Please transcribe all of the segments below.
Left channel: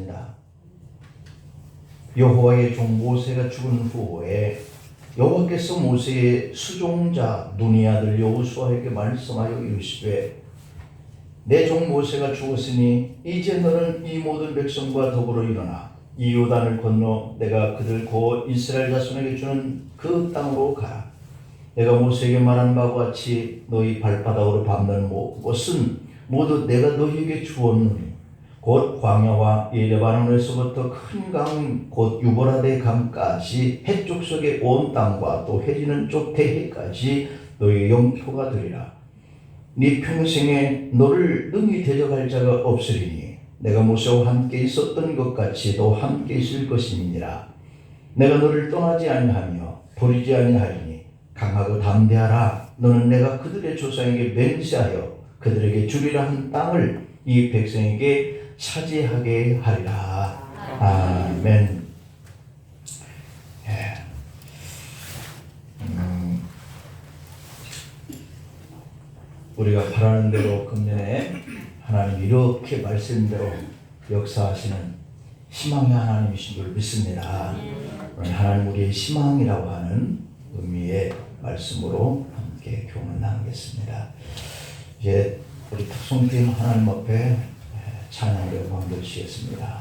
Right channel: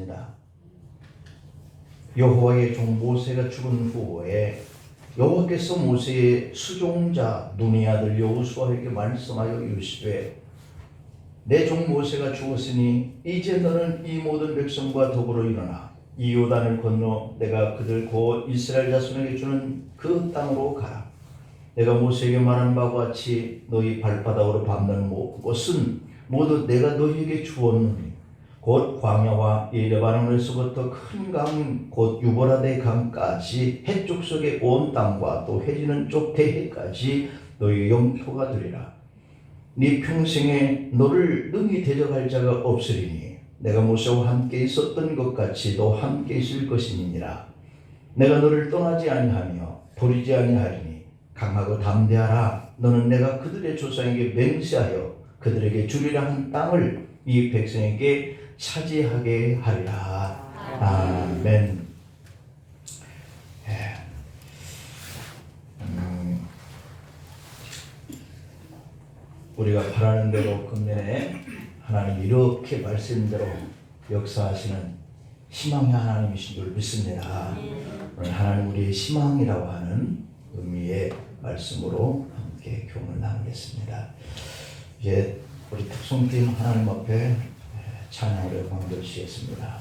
있습니다. 여호와의 종 모세가 죽은 후에 여호와께서 모세의 수종자 눈의 아들 여호수아에게 말씀하여 이르시되 내 종 모세가 죽었으니 이제 너는 이 모든 백성과 더불어 일어나 이 요단을 건너 내가 그들 곧 이스라엘 자손에게 주는 그 땅으로 가라. 내가 모세에게 말한 바와 같이 너희 발바닥으로 밟는 곳은 모두 내가 너희에게 주었노니 곧 광야와 예레바논에서부터 큰 강 곧 유보라데 강까지 해쪽 속의 온 땅과 또 해지는 쪽 대해까지 너희 영토가 되리라. 네 평생에 너를 능히 대적할 자가 없으리니 내가 모세와 함께 있었던 것 같이 너 함께 있을 것임이니라. 내가 너를 떠나지 아니하며 버리지 아니하리니 강하고 담대하라. 너는 내가 그들의 조상에게 맹세하여 그들에게 주리라 한 땅을 이 백성에게 차지하게 하리라. 아멘. 우리가 바라는 대로 금년에 하나님 이렇게 말씀대로 역사하시는 희망의 하나님이신 줄 믿습니다. 오늘 하나님 우리의 희망이라고 하는 의미의 말씀으로 함께 교훈을 나누겠습니다. 이제 우리 특송팀 하나님 앞에 찬양으로 방겨주시겠습니다.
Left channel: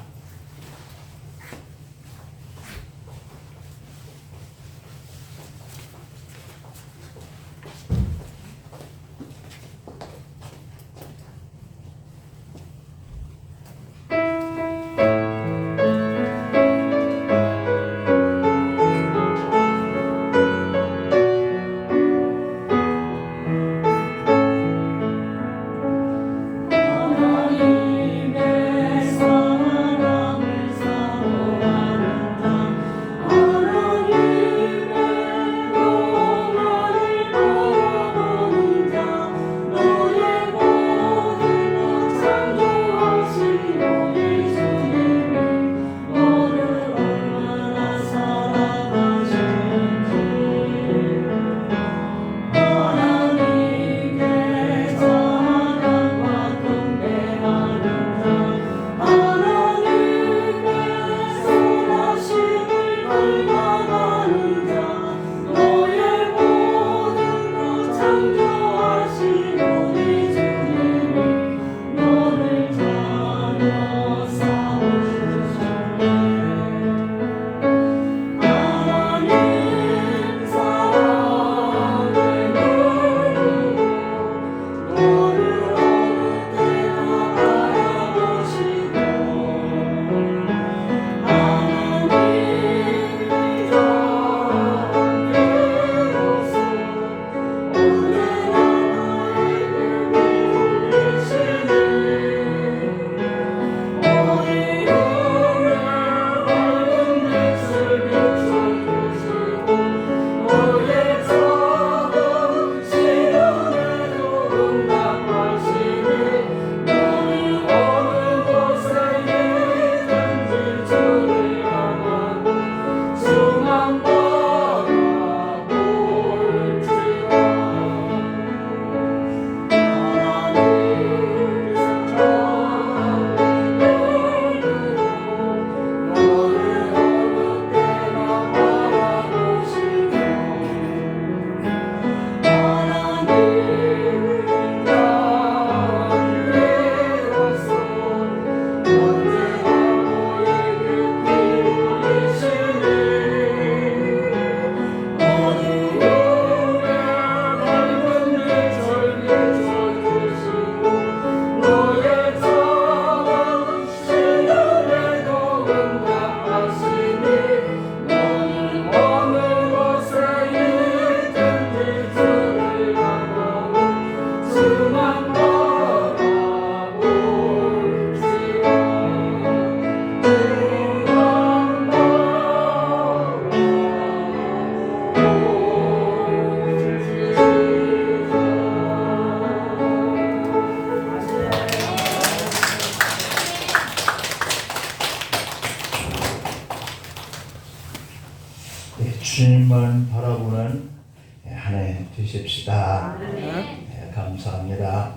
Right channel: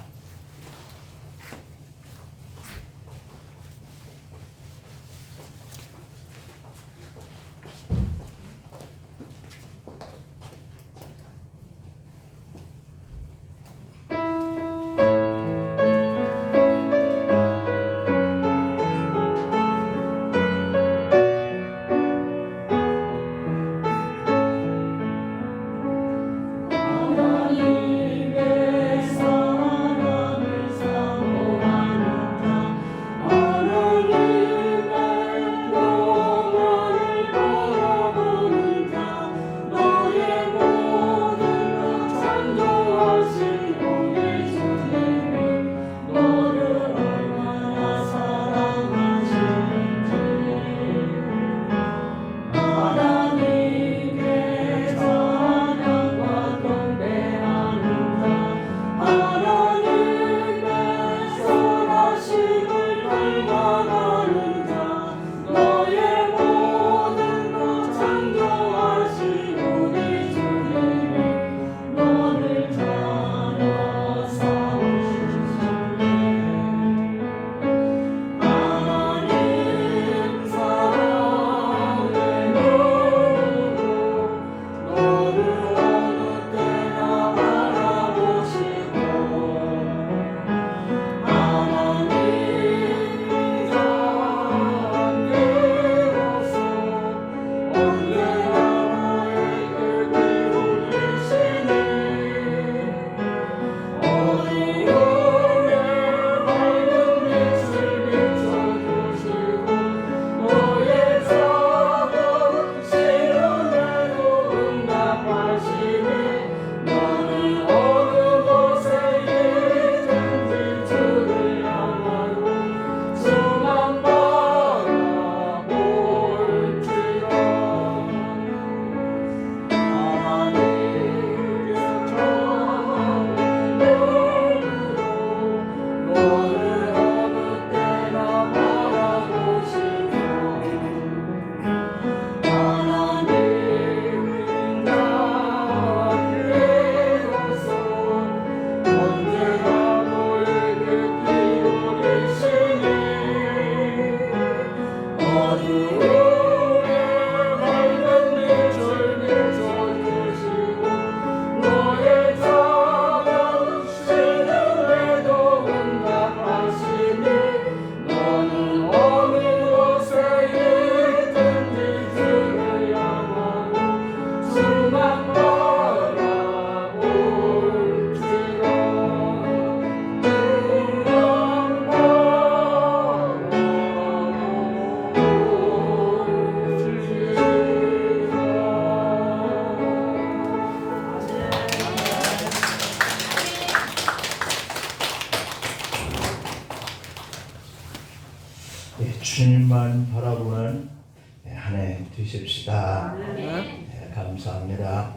주님만 바라보는 한 해 되십시다. 네, 감사합니다.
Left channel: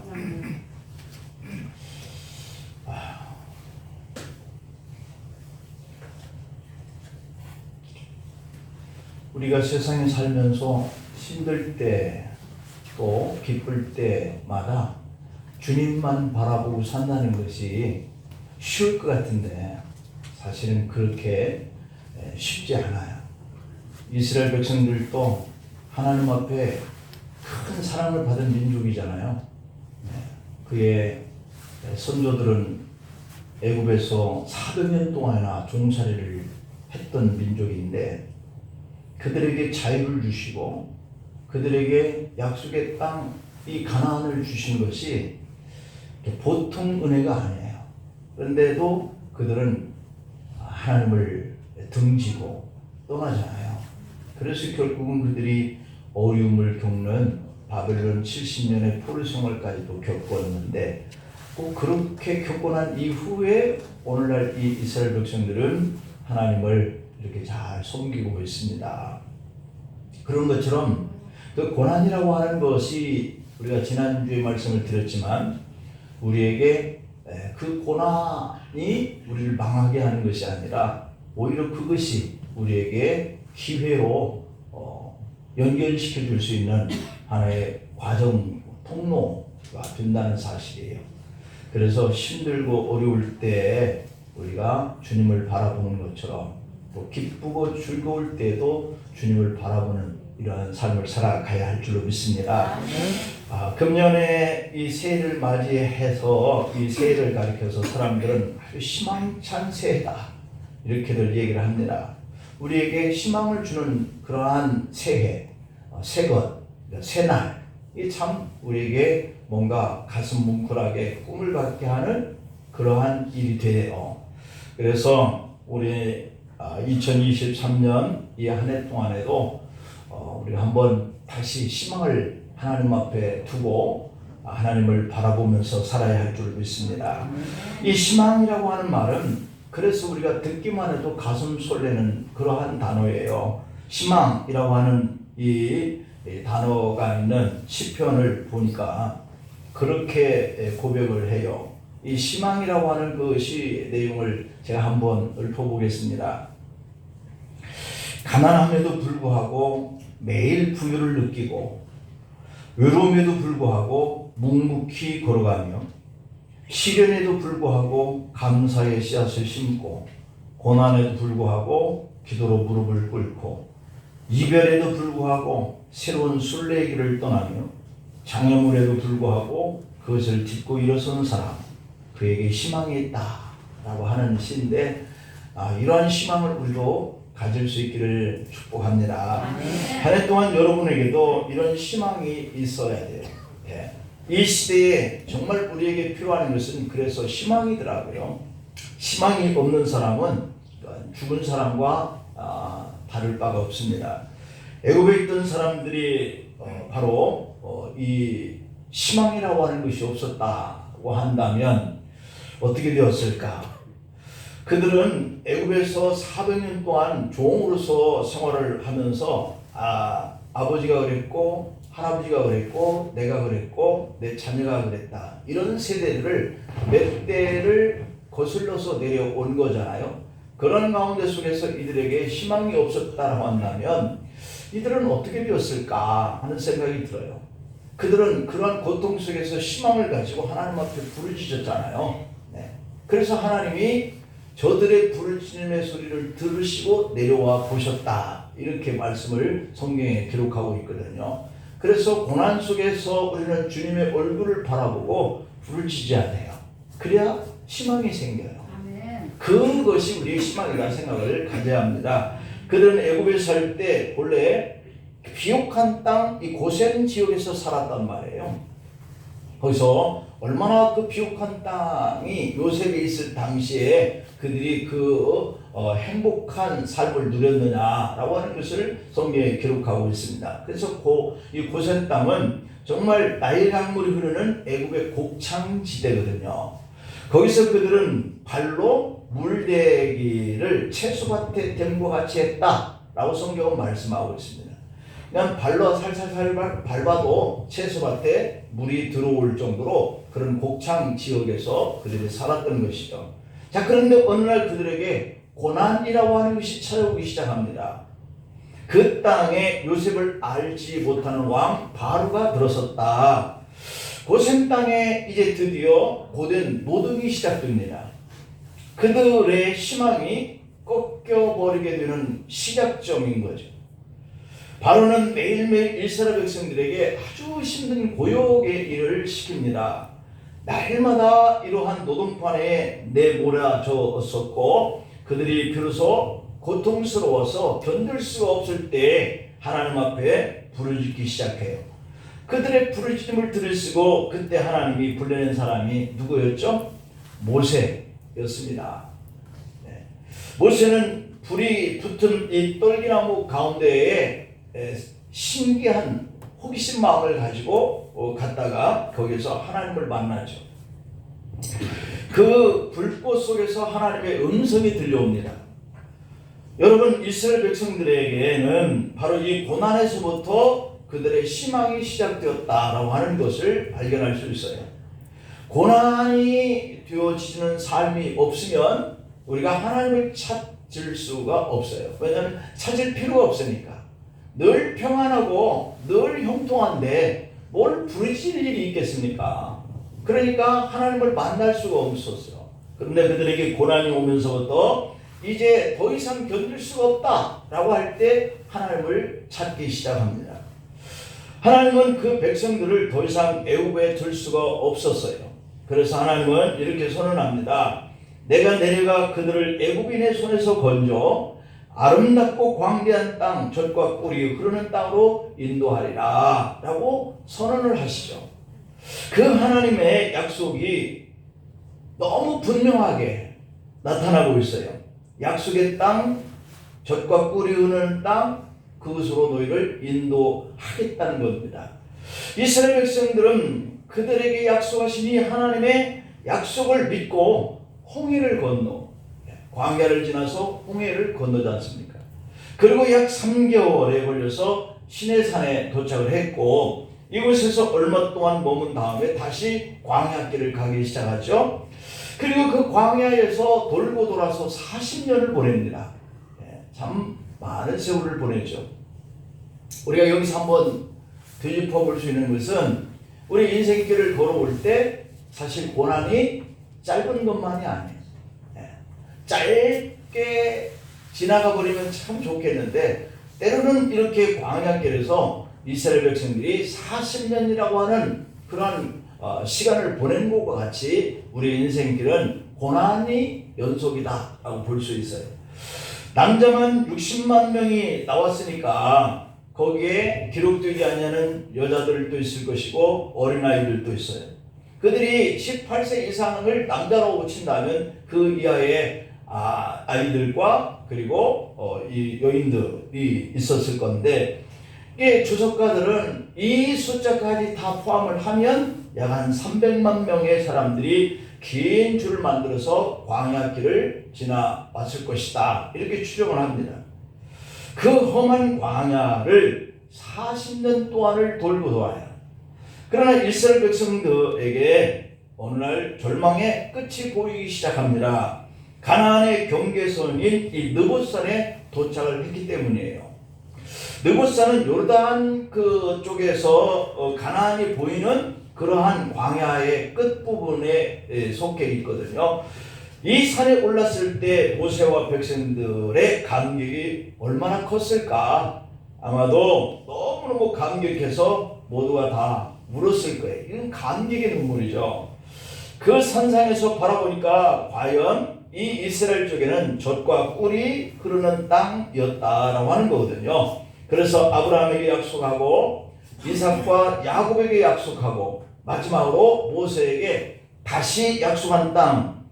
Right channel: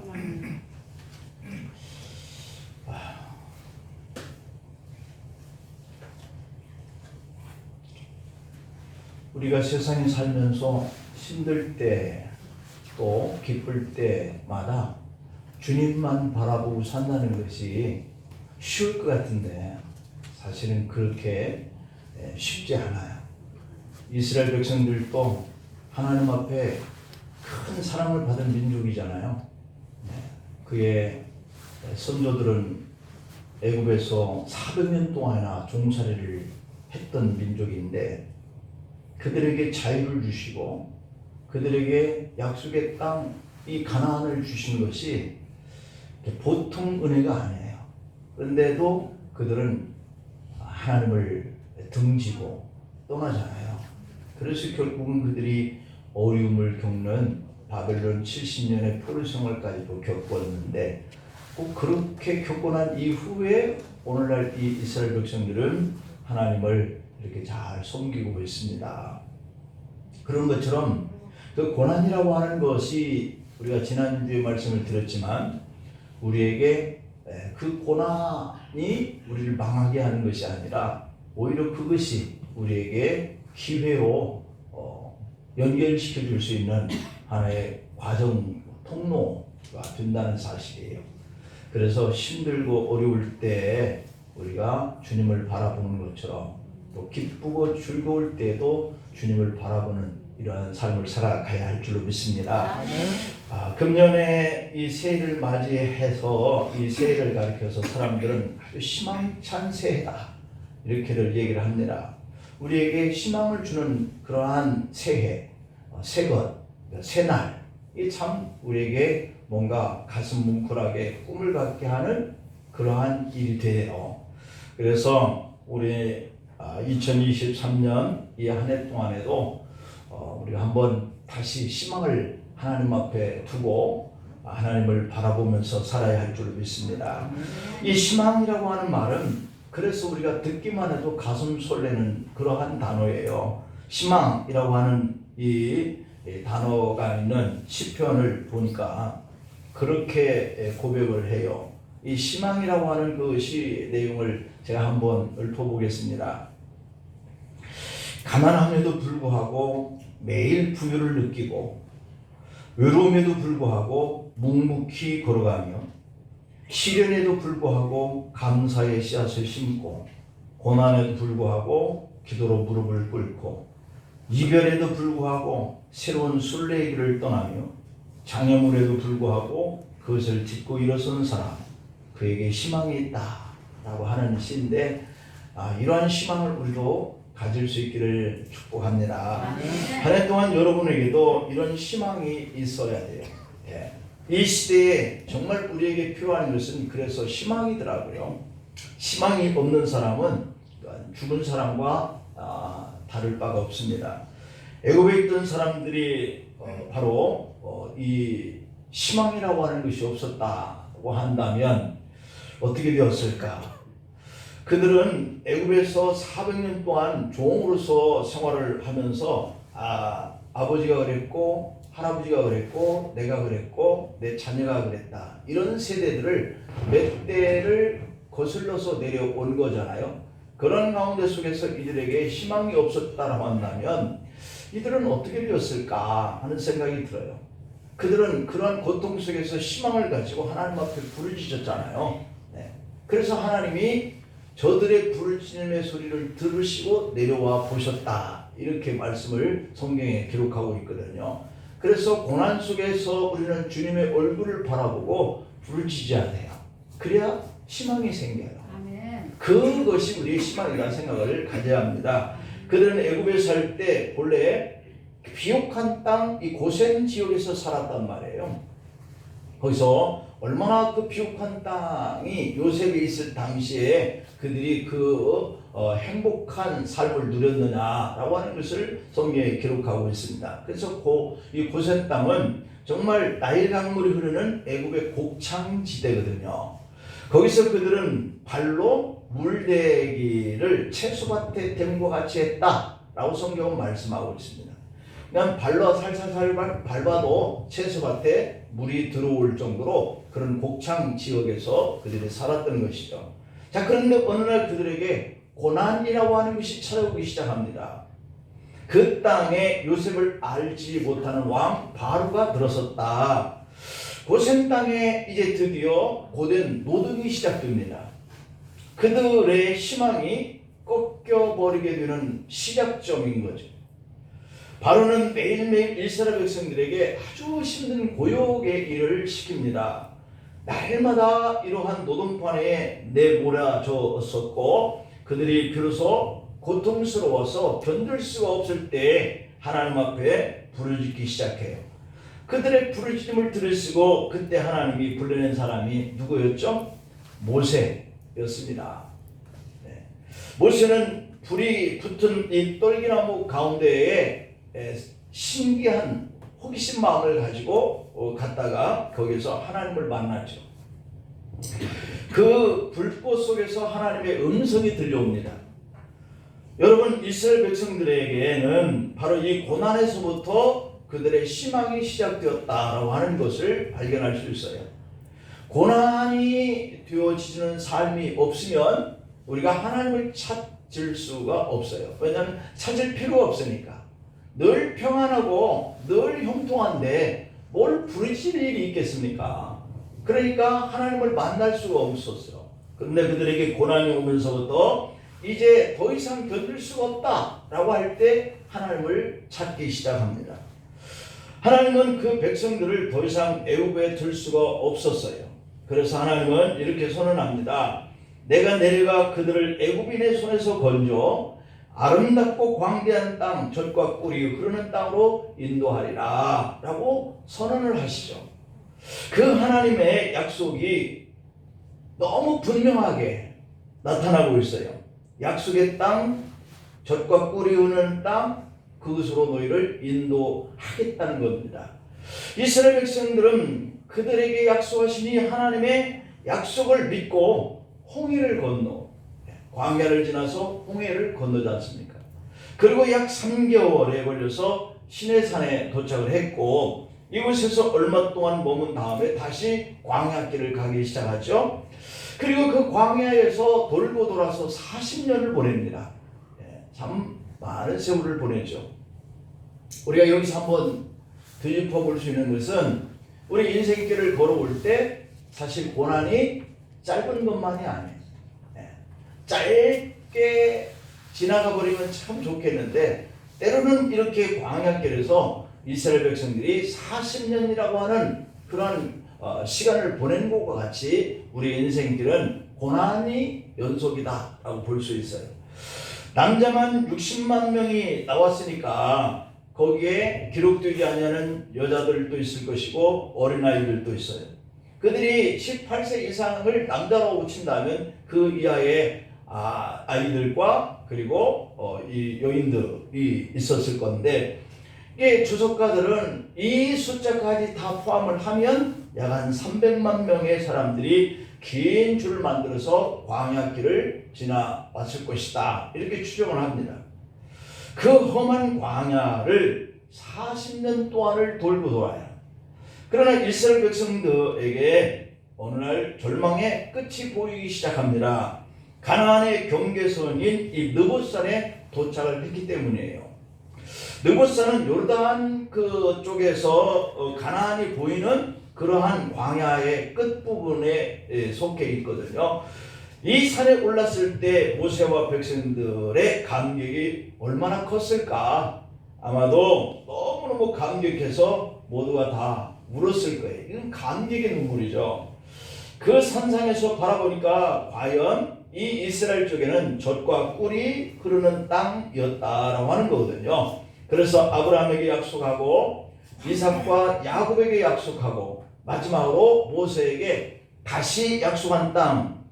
우리가 세상에 살면서 힘들 때 또 기쁠 때마다 주님만 바라보고 산다는 것이 쉬울 것 같은데 사실은 그렇게 쉽지 않아요. 이스라엘 백성들도 하나님 앞에 큰 사랑을 받은 민족이잖아요. 그의 선조들은 애굽에서 400년 동안이나 종살이를 했던 민족인데 그들에게 자유를 주시고 그들에게 약속의 땅 이 가나안을 주신 것이 보통 은혜가 아니에요. 그런데도 그들은 하나님을 등지고 떠나잖아요. 그래서 결국은 그들이 어려움을 겪는 바벨론 70년의 포로 생활까지도 겪었는데 꼭 그렇게 겪고 난 이후에 오늘날 이 이스라엘 백성들은 하나님을 이렇게 잘 섬기고 있습니다. 그런 것처럼 그 고난이라고 하는 것이 우리가 지난주에 말씀을 드렸지만 우리에게 그 고난이 우리를 망하게 하는 것이 아니라 오히려 그것이 우리에게 기회로 연결시켜 줄 수 있는 하나의 과정, 통로가 된다는 사실이에요. 그래서 힘들고 어려울 때 우리가 주님을 바라보는 것처럼 또 기쁘고 즐거울 때도 주님을 바라보는 이러한 삶을 살아가야 할 줄로 믿습니다. 금년에 이 새해를 맞이해서 이 새해를 가리켜서 사람들은 아주 희망찬 새해다 이렇게들 얘기를 합니다. 우리에게 희망을 주는 그러한 새해, 새것, 새날 이 참 우리에게 뭔가 가슴 뭉클하게 꿈을 갖게 하는 그러한 일이 되네요. 그래서 우리 2023년 이 한 해 동안에도 우리가 한번 다시 희망을 하나님 앞에 두고 하나님을 바라보면서 살아야 할 줄 믿습니다. 이 희망이라고 하는 말은 그래서 우리가 듣기만 해도 가슴 설레는 그러한 단어예요. 희망이라고 하는 이 단어가 있는 시편을 보니까 그렇게 고백을 해요. 이 희망이라고 하는 그 시 내용을 제가 한번 읊어보겠습니다. 가난함에도 불구하고 매일 부유를 느끼고 외로움에도 불구하고 묵묵히 걸어가며 시련에도 불구하고 감사의 씨앗을 심고 고난에도 불구하고 기도로 무릎을 꿇고 이별에도 불구하고 새로운 순례의 길을 떠나며 장애물에도 불구하고 그것을 딛고 일어서는 사람 그에게 희망이 있다 라고 하는 시인데 이러한 희망을 우리도 가질 수 있기를 축복합니다. 한 해 동안 여러분에게도 이런 희망이 있어야 돼요. 이 시대에 정말 우리에게 필요한 것은 그래서 희망이더라고요. 희망이 없는 사람은 죽은 사람과 다를 바가 없습니다. 애굽에 있던 사람들이 바로 이 희망이라고 하는 것이 없었다고 한다면 어떻게 되었을까? 그들은 애굽에서 400년 동안 종으로서 생활을 하면서 아버지가 그랬고 할아버지가 그랬고 내가 그랬고 내 자녀가 그랬다. 이런 세대들을 몇 대를 거슬러서 내려온 거잖아요. 그런 가운데 속에서 이들에게 희망이 없었다고 한다면 이들은 어떻게 되었을까 하는 생각이 들어요. 그들은 그러한 고통 속에서 희망을 가지고 하나님 앞에 부르짖었잖아요. 그래서 하나님이 저들의 부르짖음의 소리를 들으시고 내려와 보셨다. 이렇게 말씀을 성경에 기록하고 있거든요. 그래서 고난 속에서 우리는 주님의 얼굴을 바라보고 부르짖어야 돼요. 그래야 희망이 생겨요. 그것이 우리의 희망이라는 생각을 가져야 합니다. 그들은 애굽에 살 때 본래 비옥한 땅, 이 고센 지역에서 살았단 말이에요. 거기서 얼마나 그 비옥한 땅이 요셉이 있을 당시에 그들이 행복한 삶을 누렸느냐라고 하는 것을 성경에 기록하고 있습니다. 그래서 이 고센 땅은 정말 나일 강물이 흐르는 애굽의 곡창지대거든요. 거기서 그들은 발로 물대기를 채소밭에 댐과 같이 했다라고 성경은 말씀하고 있습니다. 그냥 발로 살살살 밟아도 채소밭에 물이 들어올 정도로 그런 곡창 지역에서 그들이 살았던 것이죠. 자, 그런데 어느 날 그들에게 고난이라고 하는 것이 찾아오기 시작합니다. 그 땅에 요셉을 알지 못하는 왕 바로가 들어섰다. 고센 땅에 이제 드디어 고된 노동이 시작됩니다. 그들의 희망이 꺾여버리게 되는 시작점인 거죠. 바로는 매일매일 이스라엘 백성들에게 아주 힘든 고역의 일을 시킵니다. 날마다 이러한 노동판에 내몰아졌었고 그들이 비로소 고통스러워서 견딜 수가 없을 때 하나님 앞에 불을 짓기 시작해요. 그들의 부르짖음을 들으시고 그때 하나님이 불러낸 사람이 누구였죠? 모세였습니다. 네. 모세는 불이 붙은 이 떨기나무 가운데에 신기한 호기심 마음을 가지고 갔다가 거기서 하나님을 만나죠. 그 불꽃 속에서 하나님의 음성이 들려옵니다. 여러분, 이스라엘 백성들에게는 바로 이 고난에서부터 그들의 희망이 시작되었다라고 하는 것을 발견할 수 있어요. 고난이 되어지는 삶이 없으면 우리가 하나님을 찾을 수가 없어요. 왜냐하면 찾을 필요가 없으니까. 늘 평안하고 늘 형통한데 뭘 부르짖을 일이 있겠습니까? 그러니까 하나님을 만날 수가 없었어요. 그런데 그들에게 고난이 오면서부터 이제 더 이상 견딜 수가 없다라고 할 때 하나님을 찾기 시작합니다. 하나님은 그 백성들을 더 이상 애굽에 둘 수가 없었어요. 그래서 하나님은 이렇게 선언합니다. 내가 내려가 그들을 애굽인의 손에서 건져 아름답고 광대한 땅, 젖과 꿀이 흐르는 땅으로 인도하리라 라고 선언을 하시죠. 그 하나님의 약속이 너무 분명하게 나타나고 있어요. 약속의 땅, 젖과 꿀이 흐르는 땅, 그것으로 너희를 인도하겠다는 겁니다. 이스라엘 백성들은 그들에게 약속하신 이 하나님의 약속을 믿고 홍해를 건너 광야를 지나서 홍해를 건너지 않습니까? 그리고 약 3개월에 걸려서 시내산에 도착을 했고 이곳에서 얼마 동안 머문 다음에 다시 광야길을 가기 시작하죠. 그리고 그 광야에서 돌고 돌아서 40년을 보냅니다. 참 많은 세월을 보내죠. 우리가 여기서 한번 되짚어 볼 수 있는 것은 우리 인생길을 걸어올 때 사실 고난이 짧은 것만이 아니에요. 짧게 지나가 버리면 참 좋겠는데 때로는 이렇게 광야길에서 이스라엘 백성들이 40년이라고 하는 그러한 시간을 보낸 것과 같이 우리 인생길은 고난이 연속이다라고 볼 수 있어요. 남자만 60만 명이 나왔으니까 거기에 기록되지 않는 여자들도 있을 것이고 어린아이들도 있어요. 그들이 18세 이상을 남자로 친다면 그 이하의 아이들과 그리고 이 여인들이 있었을 건데 이 주석가들은 이 숫자까지 다 포함을 하면 약 한 300만 명의 사람들이 긴 줄을 만들어서 광야길을 지나왔을 것이다 이렇게 추정을 합니다. 그 험한 광야를 40년 동안을 돌고 돌아요. 그러나 이스라엘 백성들에게 어느 날 절망의 끝이 보이기 시작합니다. 가나안의 경계선인 이 느봇산에 도착을 했기 때문이에요. 느봇산은 요르단 그 쪽에서 가나안이 보이는 그러한 광야의 끝부분에 속해 있거든요. 이 산에 올랐을 때 모세와 백성들의 감격이 얼마나 컸을까? 아마도 너무너무 감격해서 모두가 다 울었을 거예요. 이건 감격의 눈물이죠. 그 산상에서 바라보니까 과연 이 이스라엘 쪽에는 젖과 꿀이 흐르는 땅이었다라고 하는 거거든요. 그래서 아브라함에게 약속하고 이삭과 야곱에게 약속하고 마지막으로 모세에게 다시 약속한 땅,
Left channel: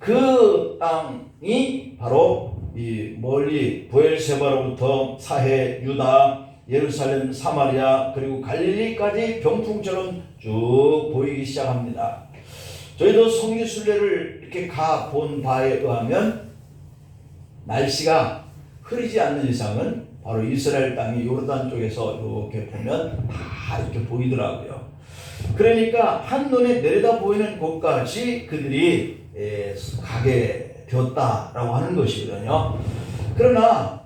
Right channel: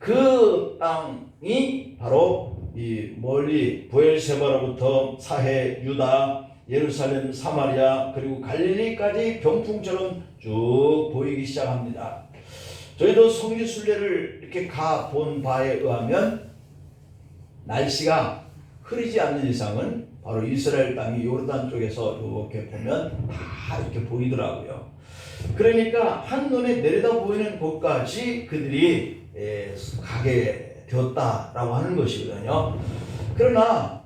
그 땅이 바로 이 멀리 브엘세바로부터 사해, 유다, 예루살렘, 사마리아 그리고 갈릴리까지 병풍처럼 쭉 보이기 시작합니다. 저희도 성지순례를 이렇게 가 본 바에 의하면 날씨가 흐리지 않는 이상은 바로 이스라엘 땅이 요르단 쪽에서 이렇게 보면 다 이렇게 보이더라고요. 그러니까 한눈에 내려다 보이는 곳까지 그들이 가게 되었다라고 하는 것이거든요. 그러나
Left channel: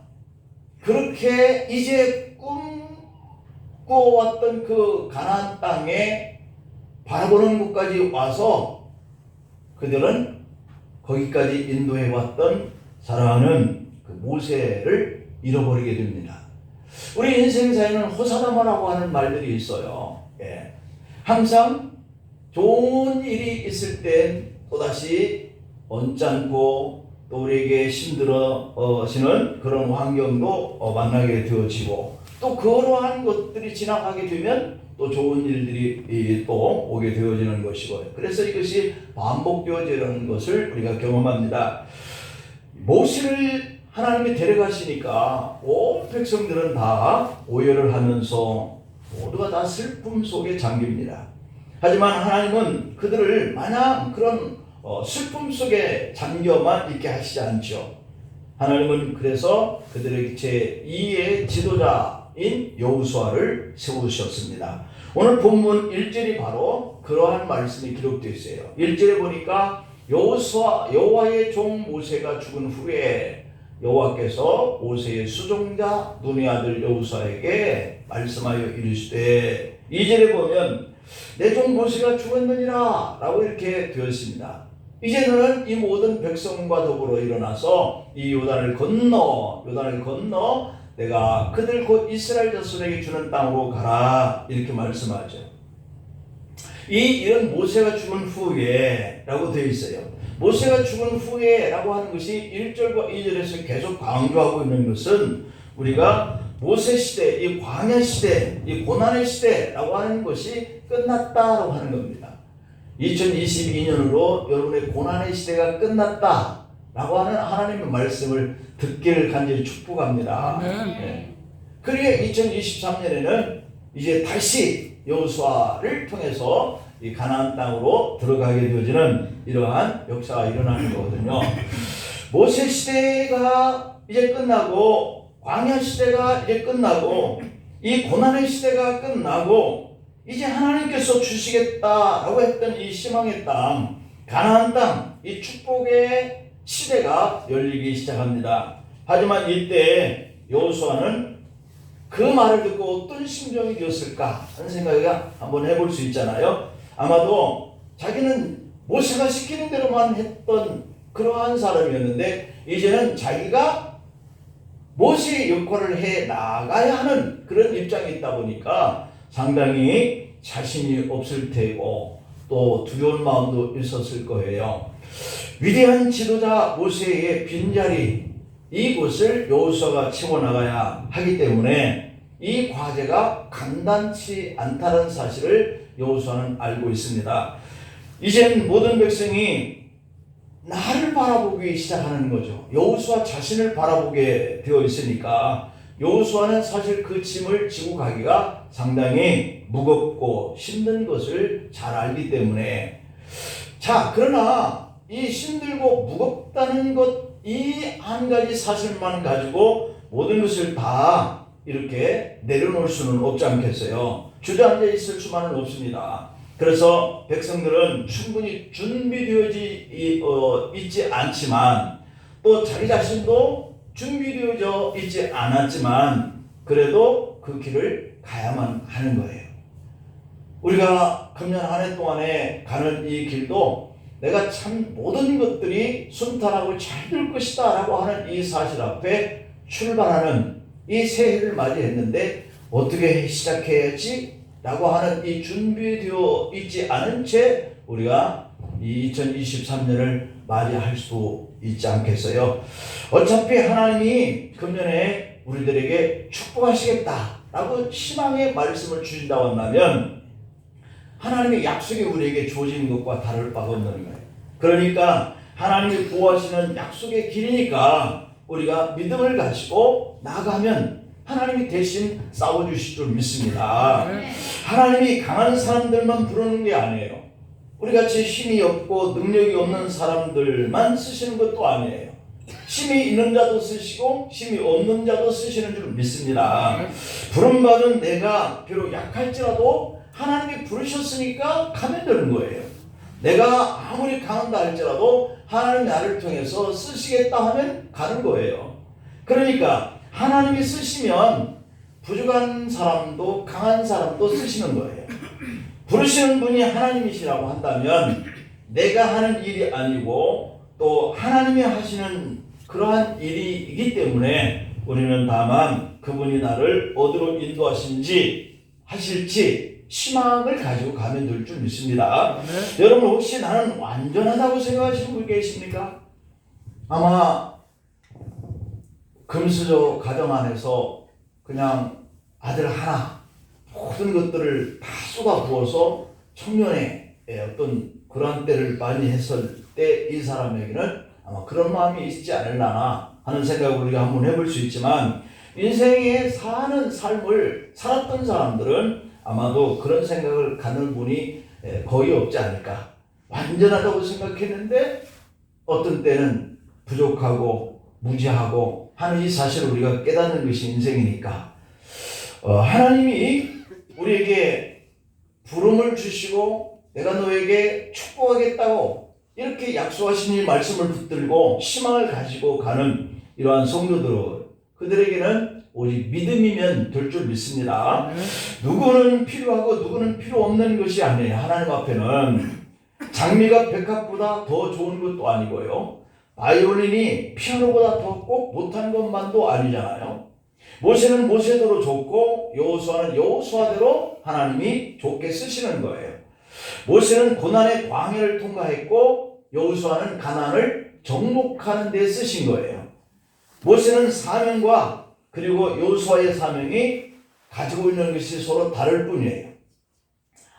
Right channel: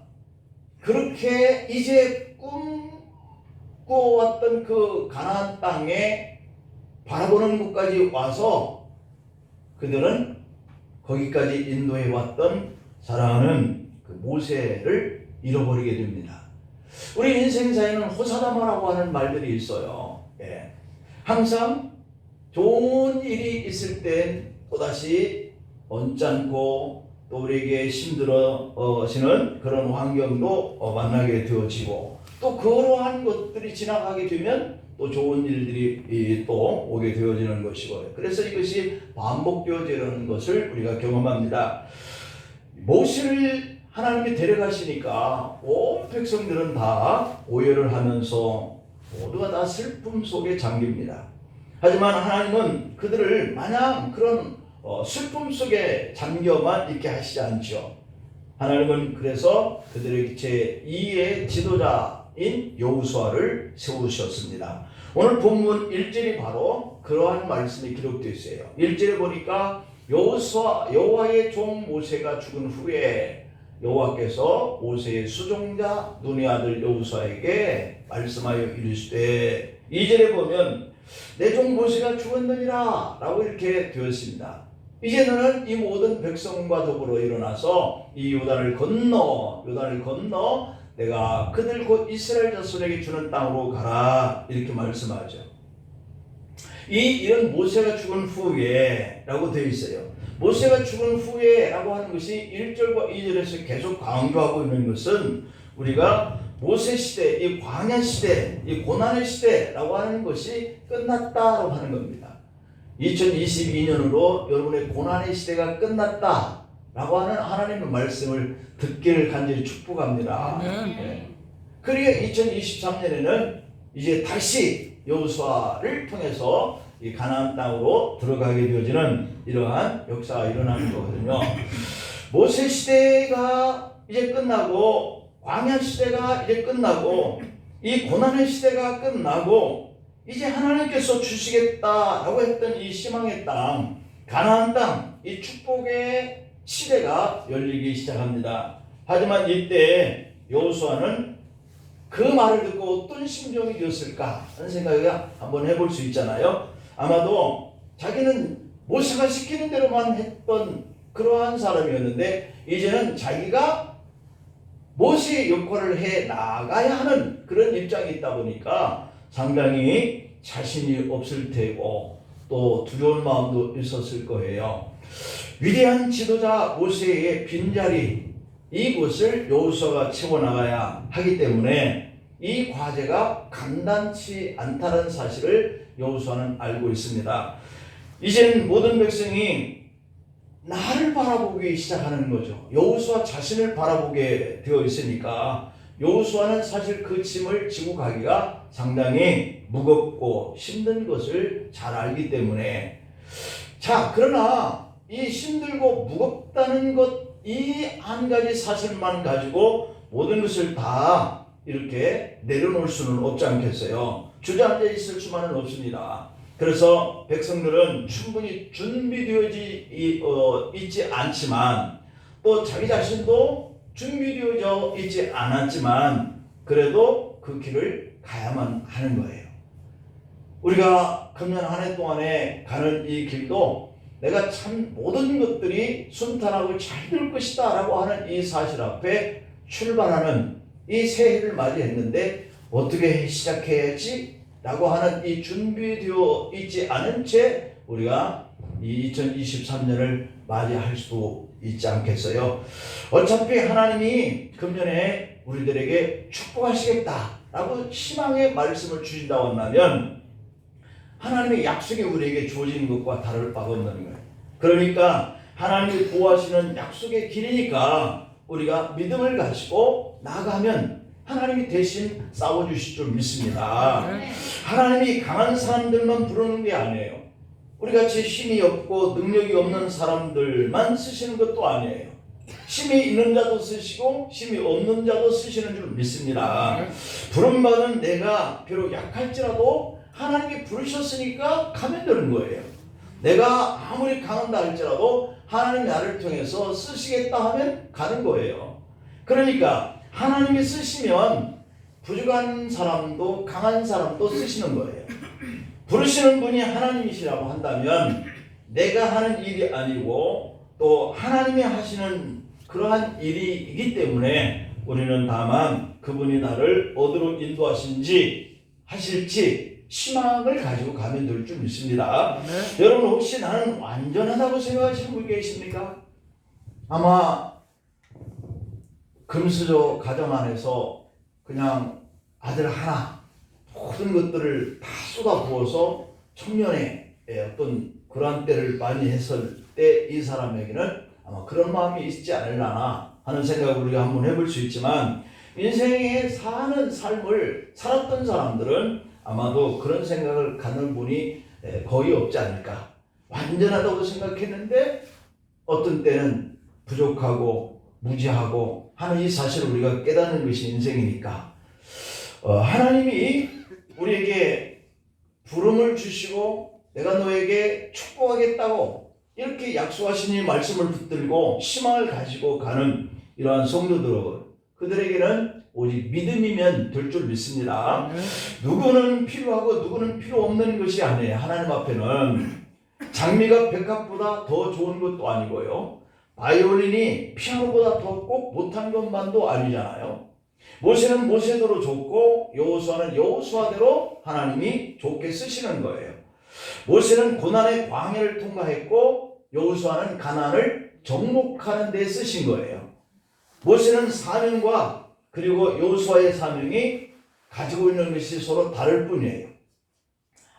그렇게 이제 꿈꿔왔던 그 가나안 땅에 바라보는 곳까지 와서 그들은 거기까지 인도해 왔던 사랑하는 그 모세를 잃어버리게 됩니다. 우리 인생사에는 호사다마라고 하는 말들이 있어요. 예. 항상 좋은 일이 있을 땐 또다시 언짢고 또 우리에게 힘들어지는 그런 환경도 만나게 되어지고, 또 그러한 것들이 지나가게 되면 또 좋은 일들이 또 오게 되어지는 것이고요. 그래서 이것이 반복되어지는 것을 우리가 경험합니다. 모세를 하나님이 데려가시니까 온 백성들은 다 오열을 하면서 모두가 다 슬픔 속에 잠깁니다. 하지만 하나님은 그들을 마냥 그런 슬픔 속에 잠겨만 있게 하시지 않죠. 하나님은 그래서 그들에게 제2의 지도자인 여호수아를 세우셨습니다. 오늘 본문 1절이 바로 그러한 말씀이 기록되어 있어요. 1절에 보니까 여호와의 종 모세가 죽은 후에 여호와께서 모세의 수종자 눈의 아들 여호수아에게 말씀하여 이르시되, 2절에 보면 내 종 모세가 죽었느니라 라고 이렇게 되었습니다. 이제 너는 이 모든 백성과 더불어 일어나서 이 요단을 건너 내가 그들 곧 이스라엘 자손에게 주는 땅으로 가라, 이렇게 말씀하죠. 이런 모세가 죽은 후에 라고 되어 있어요. 모세가 죽은 후에 라고 하는 것이 1절과 2절에서 계속 강조하고 있는 것은 우리가 모세 시대, 이 광야 시대, 이 고난의 시대라고 하는 것이 끝났다라고 하는 겁니다. 2022년으로 여러분의 고난의 시대가 끝났다라고 하는 하나님의 말씀을 듣기를 간절히 축복합니다. 네. 그러게 2023년에는 이제 다시 여호수아를 통해서 이 가나안 땅으로 들어가게 되어지는 이러한 역사가 일어나는 거거든요. 모세 시대가 이제 끝나고, 광야 시대가 이제 끝나고, 이 고난의 시대가 끝나고, 이제 하나님께서 주시겠다라고 했던 이 희망의 땅, 가나안 땅, 이 축복의 시대가 열리기 시작합니다. 하지만 이때 여호수아는 그 말을 듣고 어떤 심정이 되었을까 하는 생각을 한번 해볼 수 있잖아요. 아마도 자기는 모세가 시키는 대로만 했던 그러한 사람이었는데, 이제는 자기가 모세의 역할을 해 나가야 하는 그런 입장이 있다 보니까 상당히 자신이 없을 테고 또 두려운 마음도 있었을 거예요. 위대한 지도자 모세의 빈자리, 이곳을 여호수아가 채워나가야 하기 때문에 이 과제가 간단치 않다는 사실을 여호수아는 알고 있습니다. 이제는 모든 백성이 나를 바라보기 시작하는 거죠. 여호수아 자신을 바라보게 되어 있으니까 여호수아는 사실 그 짐을 지고 가기가 상당히 무겁고 힘든 것을 잘 알기 때문에, 자, 그러나 이 힘들고 무겁다는 것, 이 한 가지 사실만 가지고 모든 것을 다 이렇게 내려놓을 수는 없지 않겠어요. 주저앉아 있을 수만은 없습니다. 그래서 백성들은 충분히 준비되어지 있지 않지만, 또 자기 자신도 준비되어져 있지 않았지만 그래도 그 길을 가야만 하는 거예요. 우리가 금년 한 해 동안에 가는 이 길도 내가 참 모든 것들이 순탄하고 잘 될 것이다 라고 하는 이 사실 앞에 출발하는 이 새해를 맞이했는데 어떻게 시작해야지 라고 하는 이 준비되어 있지 않은 채 우리가 이 2023년을 맞이할 수 있지 않겠어요? 어차피 하나님이 금년에 우리들에게 축복하시겠다라고 희망의 말씀을 주신다고 한다면 하나님의 약속이 우리에게 주어지는 것과 다를 바가 없는 거예요. 그러니까 하나님이 보호하시는 약속의 길이니까 우리가 믿음을 가지고 나가면 하나님이 대신 싸워주실 줄 믿습니다. 하나님이 강한 사람들만 부르는 게 아니에요. 우리같이 힘이 없고 능력이 없는 사람들만 쓰시는 것도 아니에요. 힘이 있는 자도 쓰시고 힘이 없는 자도 쓰시는 줄 믿습니다. 부름받은 내가 비록 약할지라도 하나님이 부르셨으니까 가면 되는 거예요. 내가 아무리 강한다 할지라도 하나님이 나를 통해서 쓰시겠다 하면 가는 거예요. 그러니까 하나님이 쓰시면 부족한 사람도 강한 사람도 쓰시는 거예요. 부르시는 분이 하나님이시라고 한다면 내가 하는 일이 아니고 또 하나님이 하시는 그러한 일이기 때문에 우리는 다만 그분이 나를 어디로 인도하실지 희망을 가지고 가면 될 줄 믿습니다. 네. 여러분 혹시 나는 완전하다고 생각하시는 분 계십니까? 아마 금수저 가정 안에서 그냥 아들 하나 모든 것들을 다 쏟아부어서 청년의 어떤 그러한 때를 많이 했을 때 이 사람에게는 아마 그런 마음이 있지 않을라나 하는 생각을 우리가 한번 해볼 수 있지만, 인생에 사는 삶을 살았던 사람들은 아마도 그런 생각을 갖는 분이 거의 없지 않을까. 완전하다고 생각했는데 어떤 때는 부족하고 무지하고 하는 이 사실을 우리가 깨닫는 것이 인생이니까 하나님이 우리에게 부름을 주시고 내가 너에게 축복하겠다고 이렇게 약속하신 이 말씀을 붙들고 희망을 가지고 가는 이러한 성도들, 그들에게는 오직 믿음이면 될 줄 믿습니다. 누구는 필요하고 누구는 필요 없는 것이 아니에요. 하나님 앞에는 장미가 백합보다 더 좋은 것도 아니고요, 바이올린이 피아노보다 더 꼭 못한 것만도 아니잖아요. 모세는 모세대로 좋고 여호수아는 여호수아대로 하나님이 좋게 쓰시는 거예요. 모세는 고난의 광야를 통과했고 여호수아는 가나안을 정복하는 데 쓰신 거예요. 모세는 사명과 그리고 여호수아의 사명이 가지고 있는 것이 서로 다를 뿐이에요.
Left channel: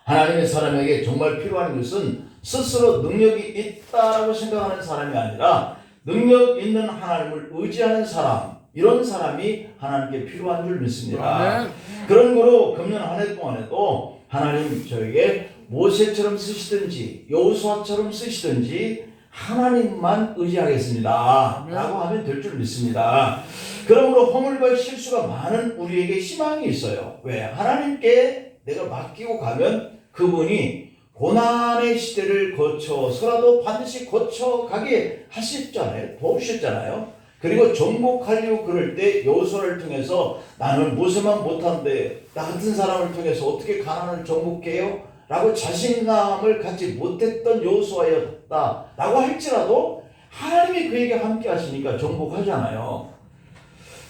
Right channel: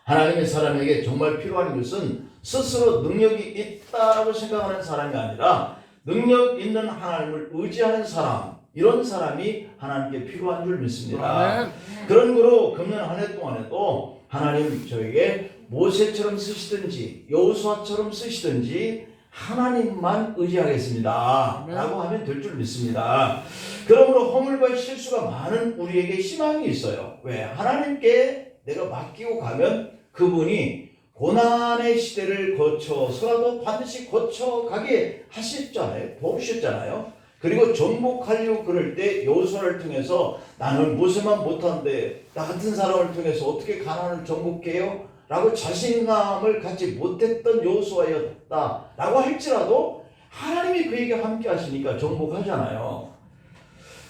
하나님의 사람에게 정말 필요한 것은 스스로 능력이 있다라고 생각하는 사람이 아니라 능력 있는 하나님을 의지하는 사람, 이런 사람이 하나님께 필요한 줄 믿습니다. 그런 거로 금년 한 해 동안에도 하나님 저에게 모세처럼 쓰시든지 여호수아처럼 쓰시든지 하나님만 의지하겠습니다 라고 하면 될 줄 믿습니다. 그러므로 허물과 실수가 많은 우리에게 희망이 있어요. 왜? 하나님께 내가 맡기고 가면 그분이 고난의 시대를 거쳐서라도 반드시 거쳐가게 하셨잖아요. 도우셨잖아요. 그리고 정복하려고 그럴 때 여호수아를 통해서 나는 모세만 못한데 나 같은 사람을 통해서 어떻게 가나안을 정복해요? 라고 자신감을 갖지 못했던 여호수아였다 라고 할지라도 하나님이 그에게 함께 하시니까 정복하잖아요.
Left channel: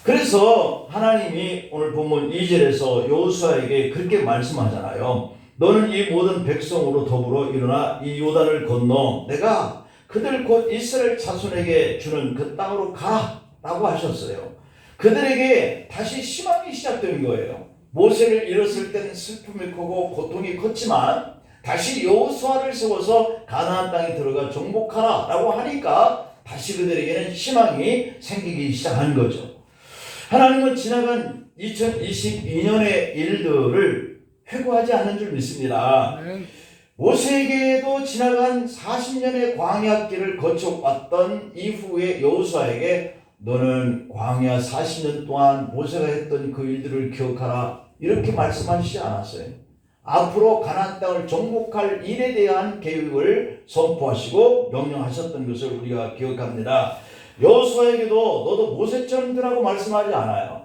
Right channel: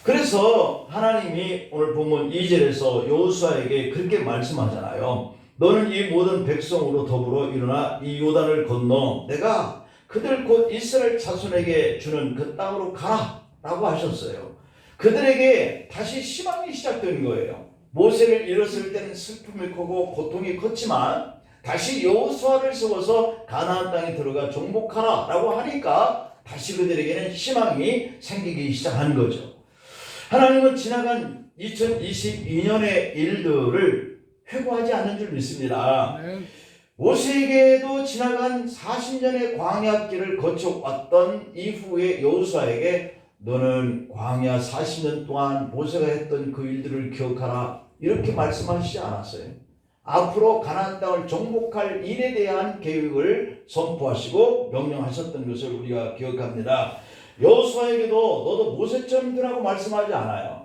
그래서 하나님이 오늘 본문 2절에서 여호수아에게 그렇게 말씀하잖아요. 너는 이 모든 백성으로 더불어 일어나 이 요단을 건너 내가 그들 곧 이스라엘 자손에게 주는 그 땅으로 가라 라고 하셨어요. 그들에게 다시 희망이 시작된 거예요. 모세를 잃었을 때는 슬픔이 크고 고통이 컸지만 다시 여호수아를 세워서 가나안 땅에 들어가 정복하라 라고 하니까 다시 그들에게는 희망이 생기기 시작한 거죠. 하나님은 지나간 2022년의 일들을 회고하지 않는 줄 믿습니다. 모세에게도 지나간 40년의 광야길을 거쳐왔던 이후에 여호수아에게 너는 광야 40년 동안 모세가 했던 그 일들을 기억하라 이렇게 말씀하시지 않았어요. 앞으로 가나안 땅을 정복할 일에 대한 계획을 선포하시고 명령하셨던 것을 우리가 기억합니다. 여호수아에게도 너도 모세처럼 되라고 말씀하지 않아요.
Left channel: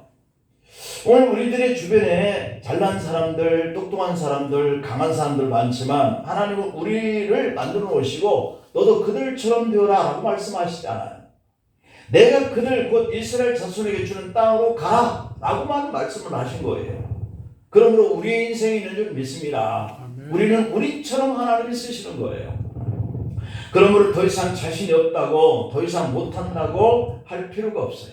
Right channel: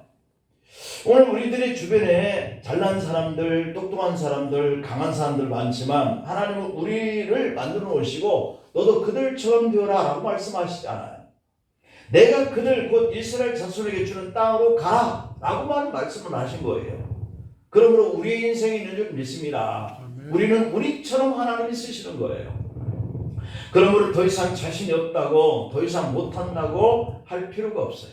오늘 우리들의 주변에 잘난 사람들, 똑똑한 사람들, 강한 사람들 많지만 하나님은 우리를 만들어 놓으시고 너도 그들처럼 되어라 라고 말씀하시지 않아요. 내가 그들 곧 이스라엘 자손에게 주는 땅으로 가라 라고만 말씀을 하신 거예요. 그러므로 우리의 인생이 있는 줄 믿습니다. 우리는 우리처럼 하나님이 쓰시는 거예요. 그러므로 더 이상 자신이 없다고 더 이상 못한다고 할 필요가 없어요.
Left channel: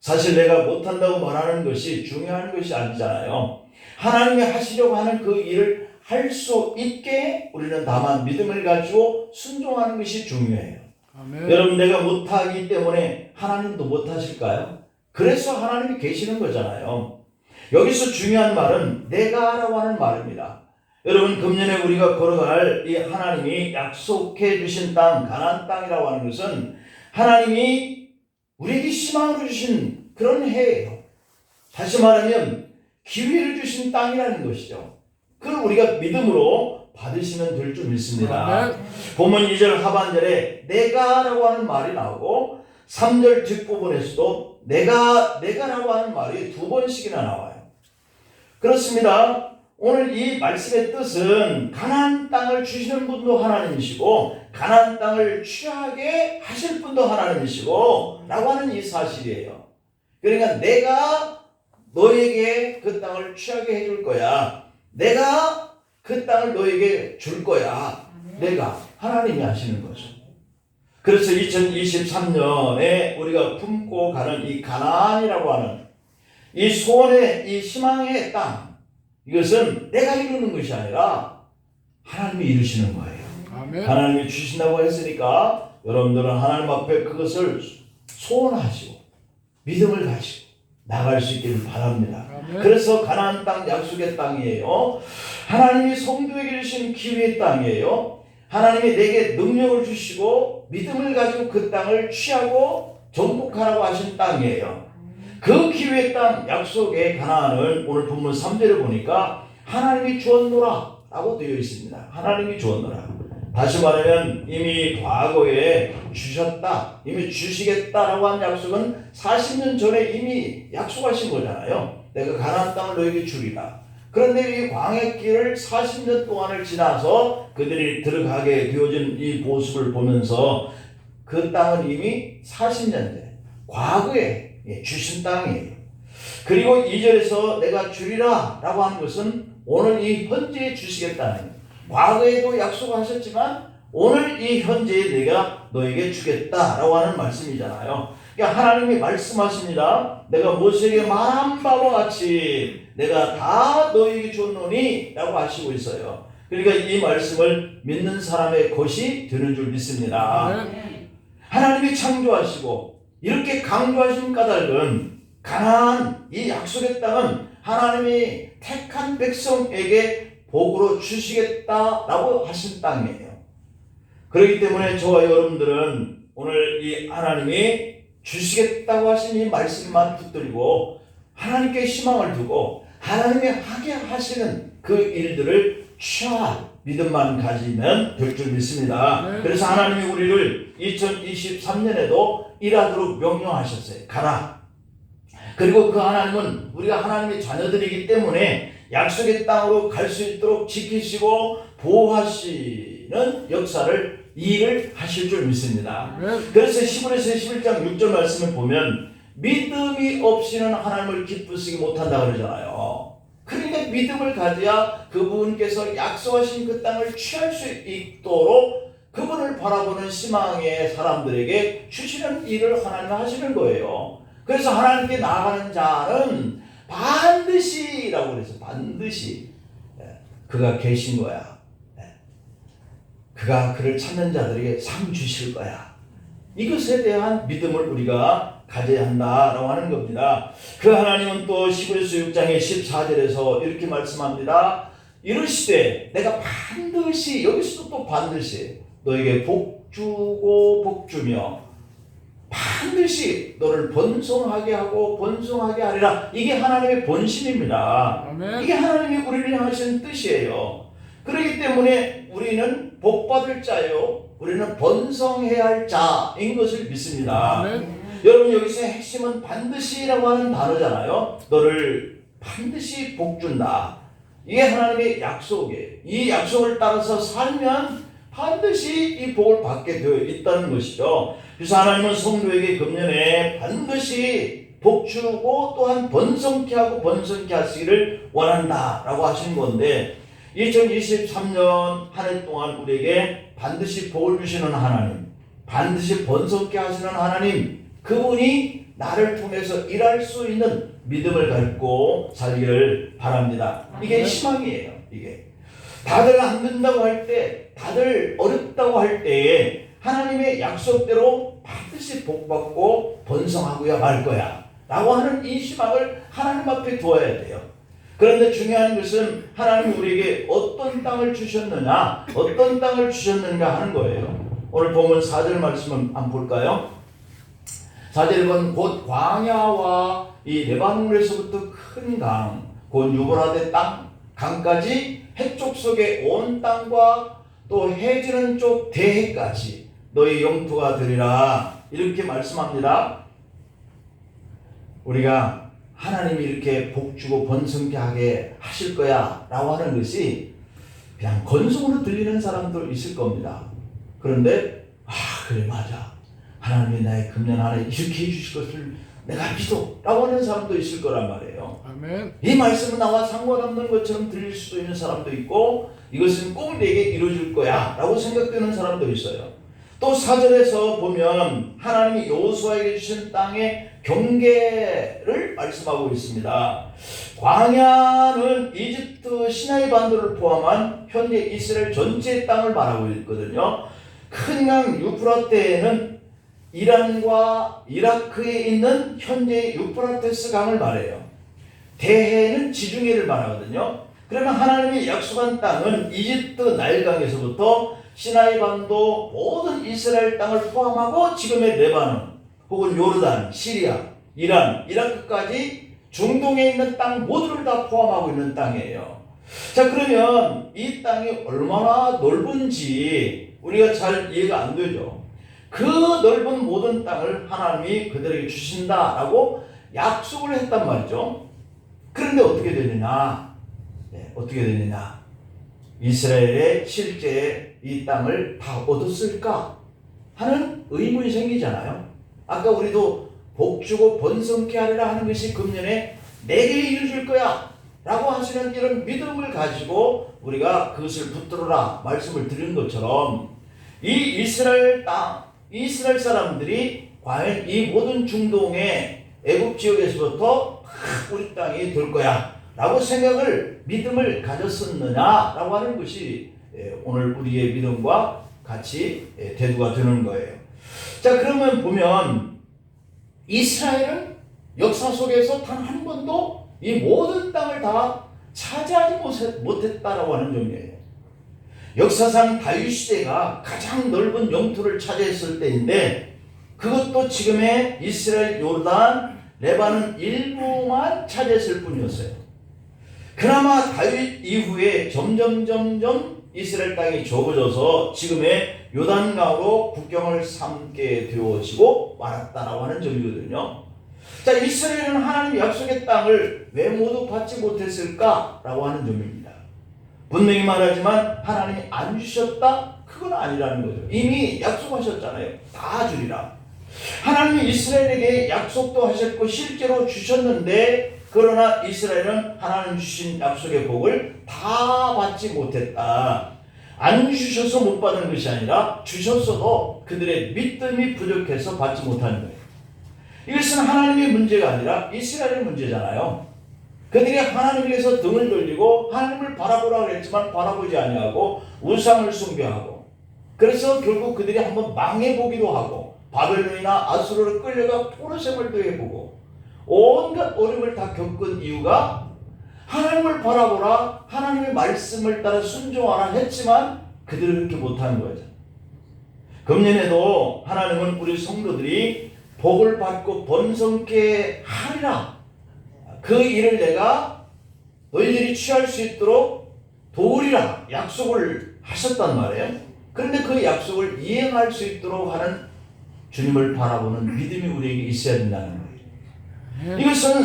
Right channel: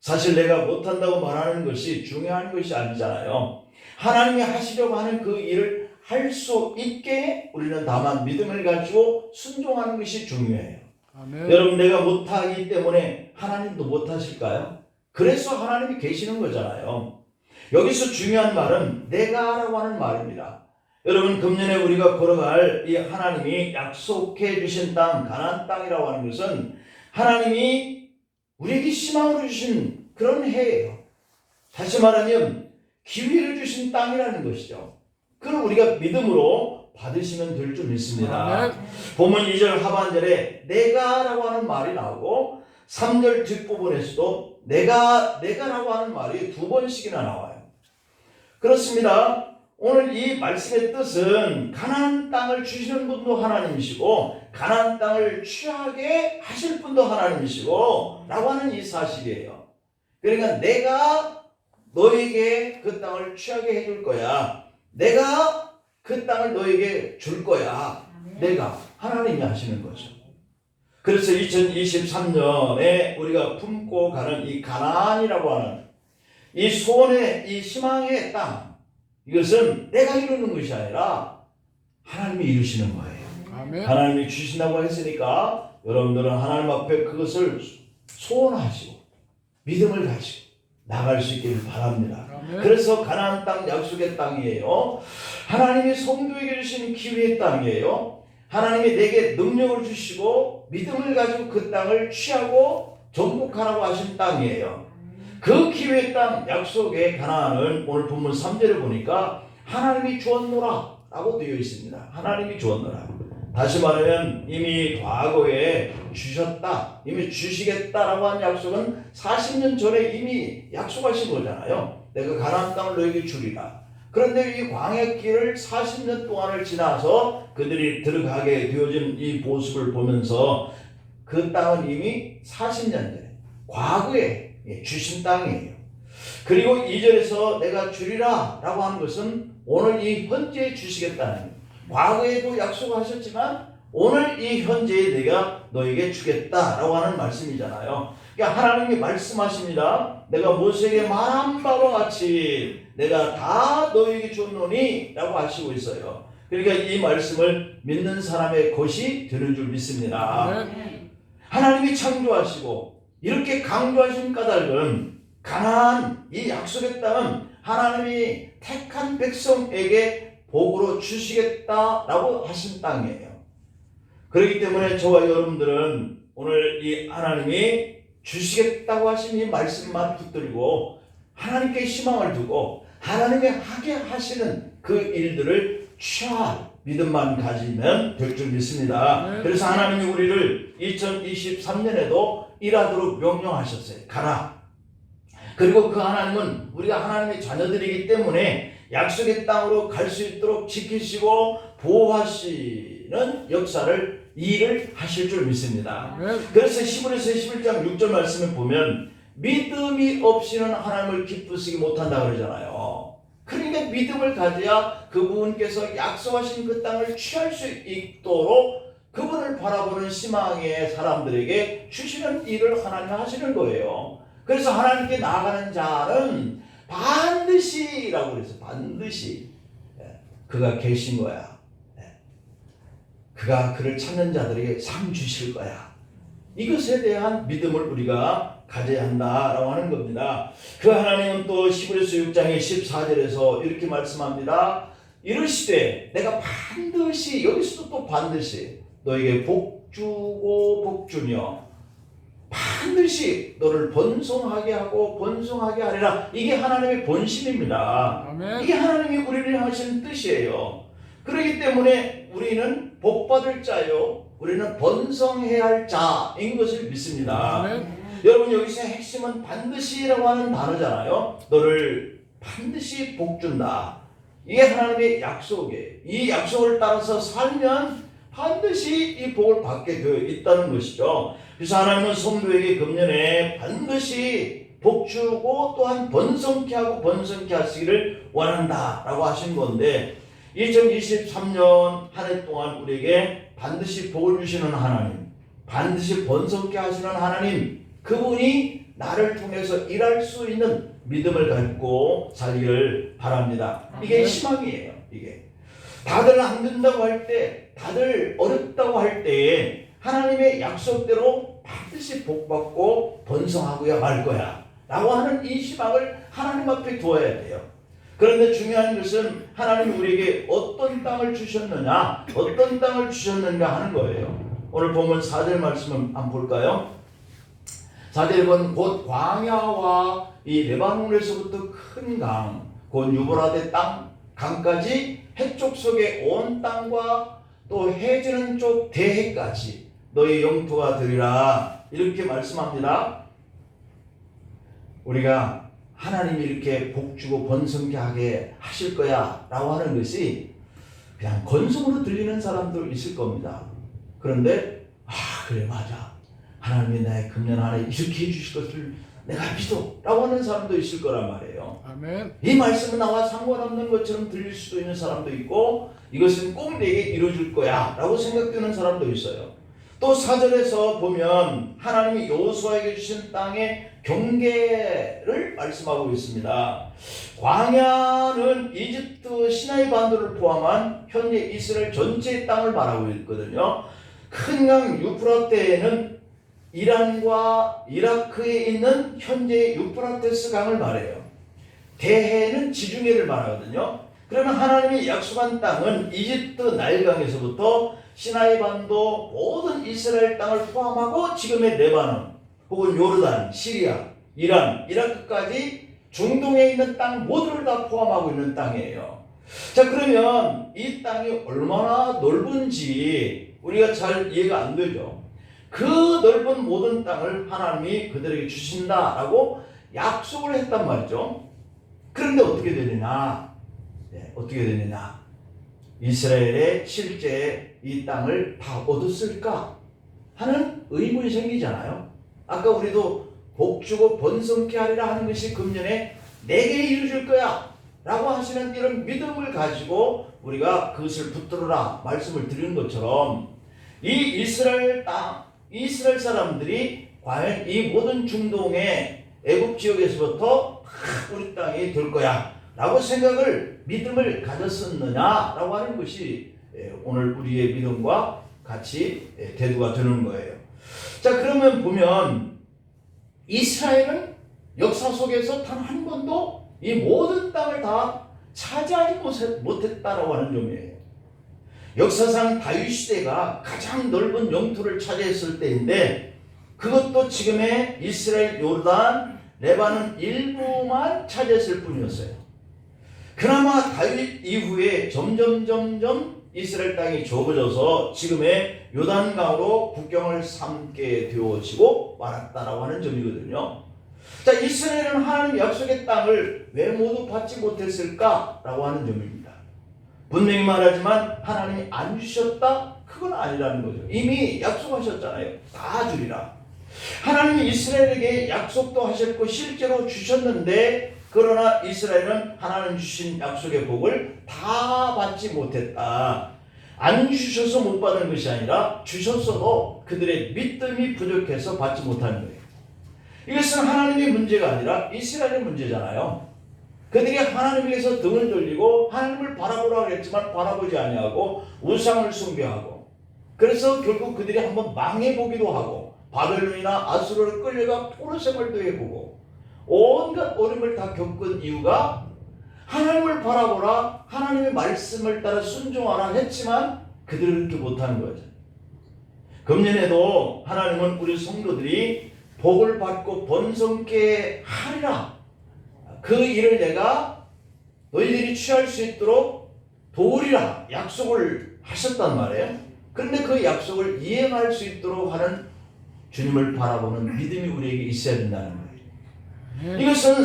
사실 내가 못한다고 말하는 것이 중요한 것이 아니잖아요. 하나님이 하시려고 하는 그 일을 할 수 있게 우리는 다만 믿음을 가지고 순종하는 것이 중요해요. 아멘. 여러분 내가 못하기 때문에 하나님도 못하실까요? 그래서 하나님이 계시는 거잖아요. 여기서 중요한 말은 내가라고 하는 말입니다. 여러분 금년에 우리가 걸어갈 이 하나님이 약속해 주신 땅, 가나안 땅이라고 하는 것은 하나님이 우리에게 희망으로 주신 그런 해예요. 다시 말하면 기회를 주신 땅이라는 것이죠. 그걸 우리가 믿음으로 받으시면 될 줄 믿습니다. 본문 2절 하반절에 내가라고 하는 말이 나오고 3절 뒷부분에서도 내가라고 하는 말이 2번씩이나 나와요. 그렇습니다. 오늘 이 말씀의 뜻은 가나안 땅을 주시는 분도 하나님이시고 가나안 땅을 취하게 하실 분도 하나님이시고 라고 하는 이 사실이에요. 그러니까 내가 너에게 그 땅을 취하게 해줄 거야. 내가 그 땅을 너에게 줄 거야. 내가 하나님이 하시는 거죠. 그래서 2023년에 우리가 품고 가는 이 가나안이라고 하는 이 소원의 이 희망의 땅, 이것은 내가 이루는 것이 아니라 하나님이 이루시는 거예요. 아멘. 하나님이 주신다고 했으니까 여러분들은 하나님 앞에 그것을 소원하시고 믿음을 가지고 나갈 수 있기를 바랍니다. 아멘. 그래서 가나안 땅 약속의 땅이에요. 하나님이 성도에게 주신 기회의 땅이에요. 하나님이 내게 능력을 주시고 믿음을 가지고 그 땅을 취하고 정복하라고 하신 땅이에요. 그 기회의 땅 약속의 가나안은 오늘 본문 3절에 보니까 하나님이 주었노라 라고 되어 있습니다. 하나님이 주었노라. 다시 말하면 이미 과거에 주셨다, 이미 주시겠다라고 한 약속은 40년 전에 이미 약속하신 거잖아요. 내가 가나안 땅을 너에게 주리라. 그런데 이 광야길을 40년 동안을 지나서 그들이 들어가게 되어진 이 모습을 보면서 그 땅은 이미 40년 전에 과거에 주신 땅이에요. 그리고 2절에서 내가 주리라 라고 하는 것은 오늘 이 현재에 주시겠다는 거예요. 과거에도 약속하셨지만 오늘 이 현재에 내가 너에게 주겠다라고 하는 말씀이잖아요. 그러니까 하나님이 말씀하십니다. 내가 모세에게 말한 바와 같이 내가 다 너에게 줬노니 라고 하시고 있어요. 그러니까 이 말씀을 믿는 사람의 것이 되는 줄 믿습니다. 하나님이 창조하시고 이렇게 강조하신 까닭은 가나안 이 약속의 땅은 하나님이 택한 백성에게 복으로 주시겠다라고 하신 땅이에요. 그렇기 때문에 저와 여러분들은 오늘 이 하나님이 주시겠다고 하신 이 말씀만 붙들고 하나님께 희망을 두고 하나님이 하게 하시는 그 일들을 취할 믿음만 가지면 될 줄 믿습니다. 그래서 하나님이 우리를 2023년에도 일하도록 명령하셨어요. 가라. 그리고 그 하나님은 우리가 하나님의 자녀들이기 때문에 약속의 땅으로 갈 수 있도록 지키시고 보호하시는 역사를 일을 하실 줄 믿습니다. 그래서 히브리서 11장 6절 말씀을 보면 믿음이 없이는 하나님을 기쁘시게 못한다 그러잖아요. 그러니까 믿음을 가져야 그분께서 약속하신 그 땅을 취할 수 있도록 그분을 바라보는 희망의 사람들에게 주시는 일을 하나님 하시는 거예요. 그래서 하나님께 나아가는 자는 반드시라고 그래서 반드시 그가 계신 거야. 그가 그를 찾는 자들에게 상 주실 거야. 이것에 대한 믿음을 우리가 가져야 한다라고 하는 겁니다. 그 하나님은 또 히브리서 6장의 14절에서 이렇게 말씀합니다. 이르시되 내가 반드시, 여기서도 또 반드시 너에게 복 주고 복 주며 반드시 너를 번성하게 하고 번성하게 하리라. 이게 하나님의 본심입니다. 아멘. 이게 하나님이 우리를 향하시는 뜻이에요. 그렇기 때문에 우리는 복받을 자요, 우리는 번성해야 할 자인 것을 믿습니다. 아멘. 여러분 여기서 핵심은 반드시라고 하는 단어잖아요. 너를 반드시 복 준다. 이게 하나님의 약속이에요. 이 약속을 따라서 살면 반드시 이 복을 받게 되어 있다는 것이죠. 그래서 하나님은 성도에게 금년에 반드시 복 주고 또한 번성케 하고 번성케 하시기를 원한다라고 하신 건데 2023년 한 해 동안 우리에게 반드시 복을 주시는 하나님, 반드시 번성케 하시는 하나님, 그분이 나를 통해서 일할 수 있는 믿음을 갖고 살기를 바랍니다. 이게 희망이에요. 이게 다들 안 된다고 할 때, 다들 어렵다고 할 때에 하나님의 약속대로 반드시 복받고 번성하고야 말 거야 라고 하는 이 희망을 하나님 앞에 두어야 돼요. 그런데 중요한 것은 하나님이 우리에게 어떤 땅을 주셨느냐, 어떤 땅을 주셨는가 하는 거예요. 오늘 본문 4절 말씀을 한번 볼까요? 4절에 보면 곧 광야와 이 레바논에서부터 큰 강, 곧 유브라데 땅, 강까지 해쪽 속의 온 땅과 또 해지는 쪽 대해까지 너희 영토가 되리라. 이렇게 말씀합니다. 우리가 하나님이 이렇게 복주고 번성케 하게 하실 거야 라고 하는 것이 그냥 건성으로 들리는 사람도 있을 겁니다. 그런데 그래 맞아, 하나님이 나의 금년 하나 이렇게 해주실 것을 내가 믿어 라고 하는 사람도 있을 거란 말이에요. 아멘. 이 말씀은 나와 상관없는 것처럼 들릴 수도 있는 사람도 있고, 이것은 꼭 내게 이루어질 거야 라고 생각되는 사람도 있어요. 또 4절에서 보면 하나님이 여호수아에게 주신 땅의 경계를 말씀하고 있습니다. 광야는 이집트 시나이 반도를 포함한 현재 이스라엘 전체의 땅을 말하고 있거든요. 큰 강 유프라테에는 이란과 이라크에 있는 현재 유프라테스 강을 말해요. 대해는 지중해를 말하거든요. 그러면 하나님이 약속한 땅은 이집트 나일강에서부터 시나이 반도 모든 이스라엘 땅을 포함하고 지금의 레바논 혹은 요르단, 시리아, 이란, 이라크까지 중동에 있는 땅 모두를 다 포함하고 있는 땅이에요. 자, 그러면 이 땅이 얼마나 넓은지 우리가 잘 이해가 안 되죠. 그 넓은 모든 땅을 하나님이 그들에게 주신다라고 약속을 했단 말이죠. 그런데 어떻게 되느냐? 어떻게 되느냐? 이스라엘의 실제 이 땅을 다 얻었을까 하는 의문이 생기잖아요. 아까 우리도 복주고 번성케 하리라 하는 것이 금년에 내게 이루어질 거야 라고 하시는 이런 믿음을 가지고 우리가 그것을 붙들어라 말씀을 드리는 것처럼, 이 이스라엘 땅, 이스라엘 사람들이 과연 이 모든 중동의 애굽 지역에서부터 우리 땅이 될 거야 라고 생각을, 믿음을 가졌었느냐 라고 하는 것이 오늘 우리의 믿음과 같이 대두가 되는 거예요. 자, 그러면 보면 이스라엘은 역사 속에서 단 한 번도 이 모든 땅을 다 차지하지 못했다라고 하는 점이에요. 역사상 다윗 시대가 가장 넓은 영토를 차지했을 때인데, 그것도 지금의 이스라엘 요르단 레바논 일부만 차지했을 뿐이었어요. 그나마 다윗 이후에 점점 이스라엘 땅이 좁아져서 지금의 요단강으로 국경을 삼게 되어지고 말았다라고 하는 점이거든요. 자, 이스라엘은 하나님 약속의 땅을 왜 모두 받지 못했을까라고 하는 점입니다. 분명히 말하지만 하나님이 안 주셨다? 그건 아니라는 거죠. 이미 약속하셨잖아요. 다 주리라. 하나님이 이스라엘에게 약속도 하셨고 실제로 주셨는데, 그러나 이스라엘은 하나님 주신 약속의 복을 다 받지 못했다. 안 주셔서 못 받은 것이 아니라 주셨어도 그들의 믿음이 부족해서 받지 못하는 거예요. 이것은 하나님의 문제가 아니라 이스라엘의 문제잖아요. 그들이 하나님께서 등을 돌리고 하나님을 바라보라고 했지만 바라보지 아니하고 우상을 숭배하고, 그래서 결국 그들이 한번 망해보기도 하고 바벨론이나 아수르로 끌려가 포로 생활도 해보고 온갖 어려움을 다 겪은 이유가 하나님을 바라보라, 하나님의 말씀을 따라 순종하라 했지만 그들은 그렇게 못하는 거죠. 금년에도 하나님은 우리 성도들이 복을 받고 번성케 하리라, 그 일을 내가 너희들이 취할 수 있도록 도우리라 약속을 하셨단 말이에요. 그런데 그 약속을 이행할 수 있도록 하는 주님을 바라보는 믿음이 우리에게 있어야 된다는 거예요. 이것은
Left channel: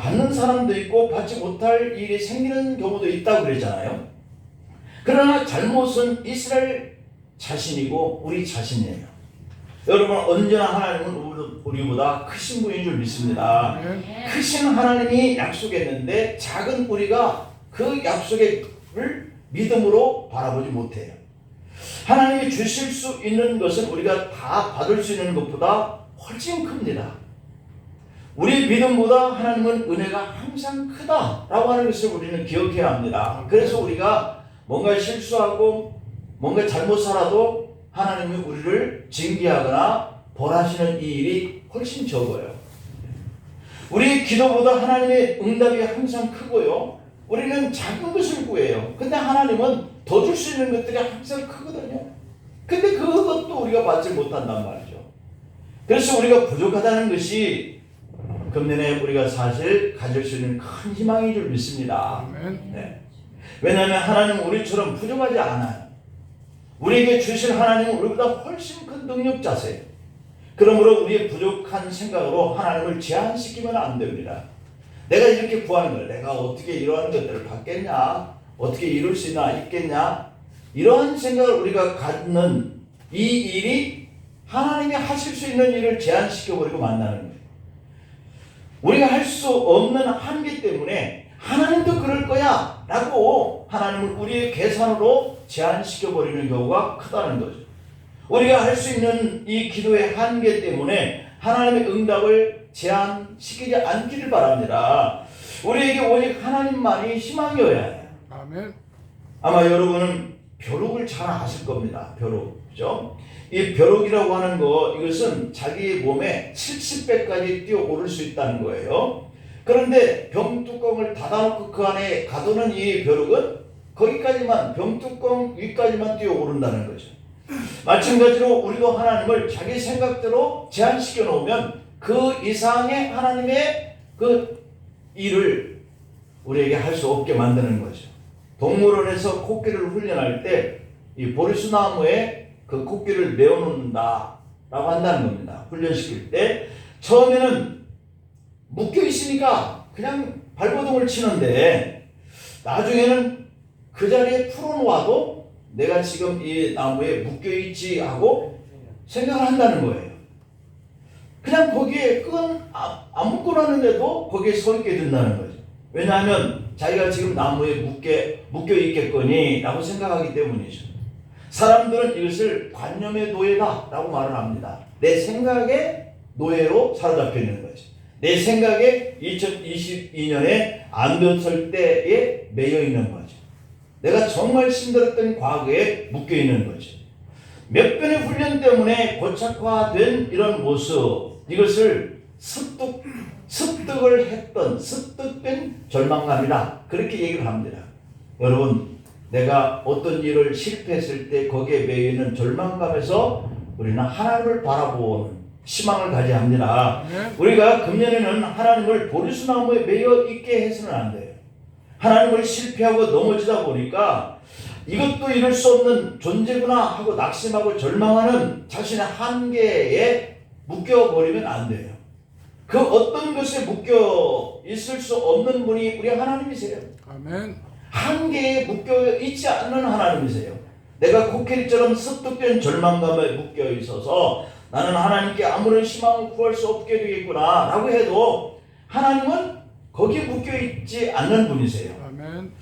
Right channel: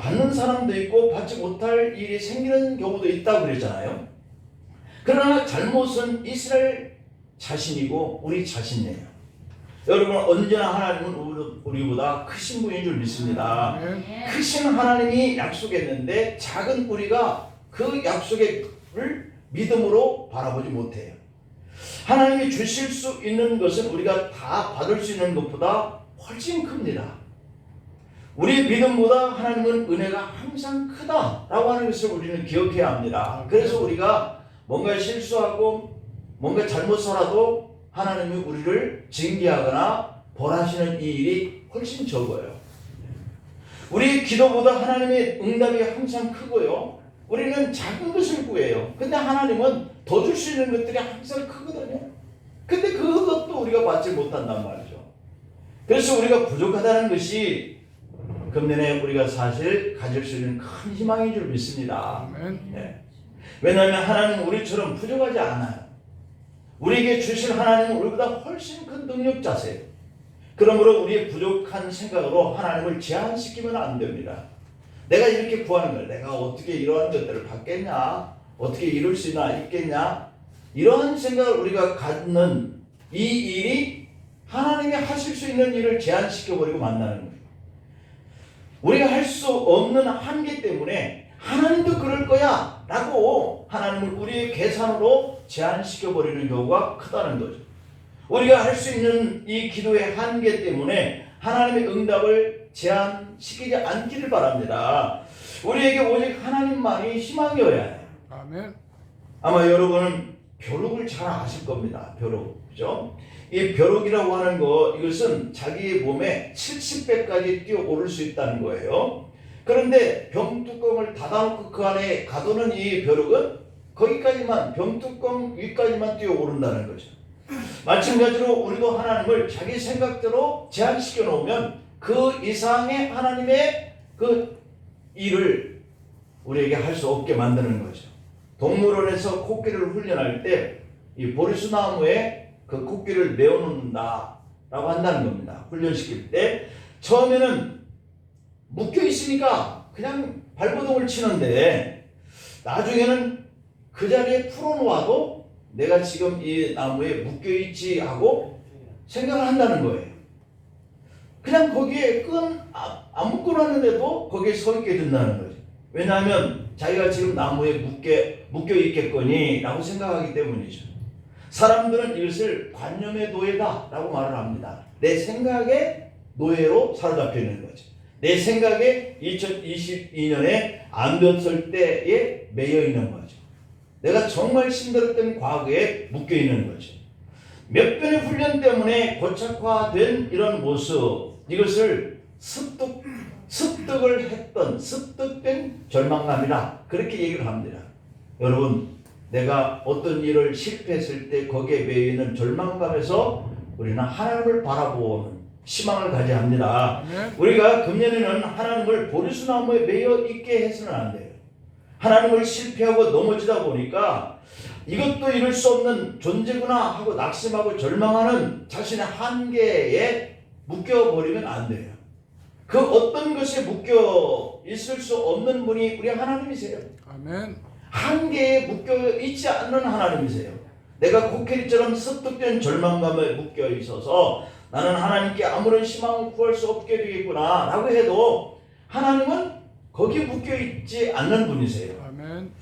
받는 사람도 있고 받지 못할 일이 생기는 경우도 있다고 그랬잖아요. 그러나 잘못은 이스라엘 자신이고 우리 자신이에요. 여러분, 언제나 하나님은 우리보다 크신 분인 줄 믿습니다. 크신 하나님이 약속했는데 작은 우리가 그 약속을 믿음으로 바라보지 못해요. 하나님이 주실 수 있는 것은 우리가 다 받을 수 있는 것보다 훨씬 큽니다. 우리 믿음보다 하나님은 은혜가 항상 크다라고 하는 것을 우리는 기억해야 합니다. 그래서 우리가 뭔가 실수하고 뭔가 잘못 살아도 하나님이 우리를 징계하거나 벌하시는 이 일이 훨씬 적어요. 우리 기도보다 하나님의 응답이 항상 크고요. 우리는 작은 것을 구해요. 근데 하나님은 더 줄 수 있는 것들이 항상 크거든요. 근데 그것도 우리가 받지 못한단 말이죠. 그래서 우리가 부족하다는 것이 금년에 우리가 사실 가질 수 있는 큰 희망인 줄 믿습니다. 네. 왜냐하면 하나님은 우리처럼 부족하지 않아요. 우리에게 주실 하나님은 우리보다 훨씬 큰 능력자세요. 그러므로 우리의 부족한 생각으로 하나님을 제한시키면 안 됩니다. 내가 이렇게 구하는 걸 내가 어떻게 이러한 것들을 받겠냐, 어떻게 이룰 수 있겠냐, 이러한 생각을 우리가 갖는 이 일이 하나님이 하실 수 있는 일을 제한시켜버리고 만나는 거예요. 우리가 할 수 없는 한계 때문에 하나님도 그럴 거야 라고 하나님을 우리의 계산으로 제한시켜버리는 경우가 크다는 거죠. 우리가 할 수 있는 이 기도의 한계 때문에 하나님의 응답을 제한시키지 않기를 바랍니다. 우리에게 오직 하나님만이 희망이어야 해요. 아멘. 아마 여러분은 벼룩을 잘 아실 겁니다. 벼룩, 그죠? 이 벼룩이라고 하는 거, 이것은 자기의 몸에 70배까지 뛰어오를 수 있다는 거예요. 그런데 병뚜껑을 닫아놓고 그 안에 가두는 이 벼룩은 거기까지만, 병뚜껑 위까지만 뛰어오른다는 거죠. 마찬가지로 우리도 하나님을 자기 생각대로 제한시켜 놓으면 그 이상의 하나님의 그 일을 우리에게 할 수 없게 만드는 거죠. 동물원에서 코끼리를 훈련할 때 이 보리수나무에 그 코끼리를 메어놓는다 라고 한다는 겁니다. 훈련시킬 때 처음에는 묶여 있으니까 그냥 발버둥을 치는데 나중에는 그 자리에 풀어놓아도 내가 지금 이 나무에 묶여있지 하고 생각을 한다는 거예요. 그냥 거기에 안 묶어놨는데도 거기에 서 있게 된다는 거죠. 왜냐하면 자기가 지금 나무에 묶여있겠거니 라고 생각하기 때문이죠. 사람들은 이것을 관념의 노예다 라고 말을 합니다. 내 생각의 노예로 사로잡혀 있는 거죠. 내 생각에 2022년에 안 됐을 때에 매여 있는 거죠. 내가 정말 힘들었던 과거에 묶여 있는 거죠. 몇 번의 훈련 때문에 고착화된 이런 모습, 이것을 습득을 했던 습득된 절망감이다, 그렇게 얘기를 합니다. 여러분, 내가 어떤 일을 실패했을 때 거기에 매여 있는 절망감에서 우리는 하나님을 바라보는 희망을 가져야 합니다. 우리가 금년에는 하나님을 보리수나무에 매여 있게 해서는 안 돼요. 하나님을 실패하고 넘어지다 보니까 이것도 이룰 수 없는 존재구나 하고 낙심하고 절망하는 자신의 한계에 묶여버리면 안 돼요. 그 어떤 것에 묶여 있을 수 없는 분이 우리 하나님이세요. 아멘. 한계에 묶여 있지 않는 하나님이세요. 내가 코끼리처럼 습득된 절망감에 묶여 있어서 나는 하나님께 아무런 희망을 구할 수 없게 되겠구나 라고 해도 하나님은 거기에 묶여 있지 않는 분이세요. 아멘.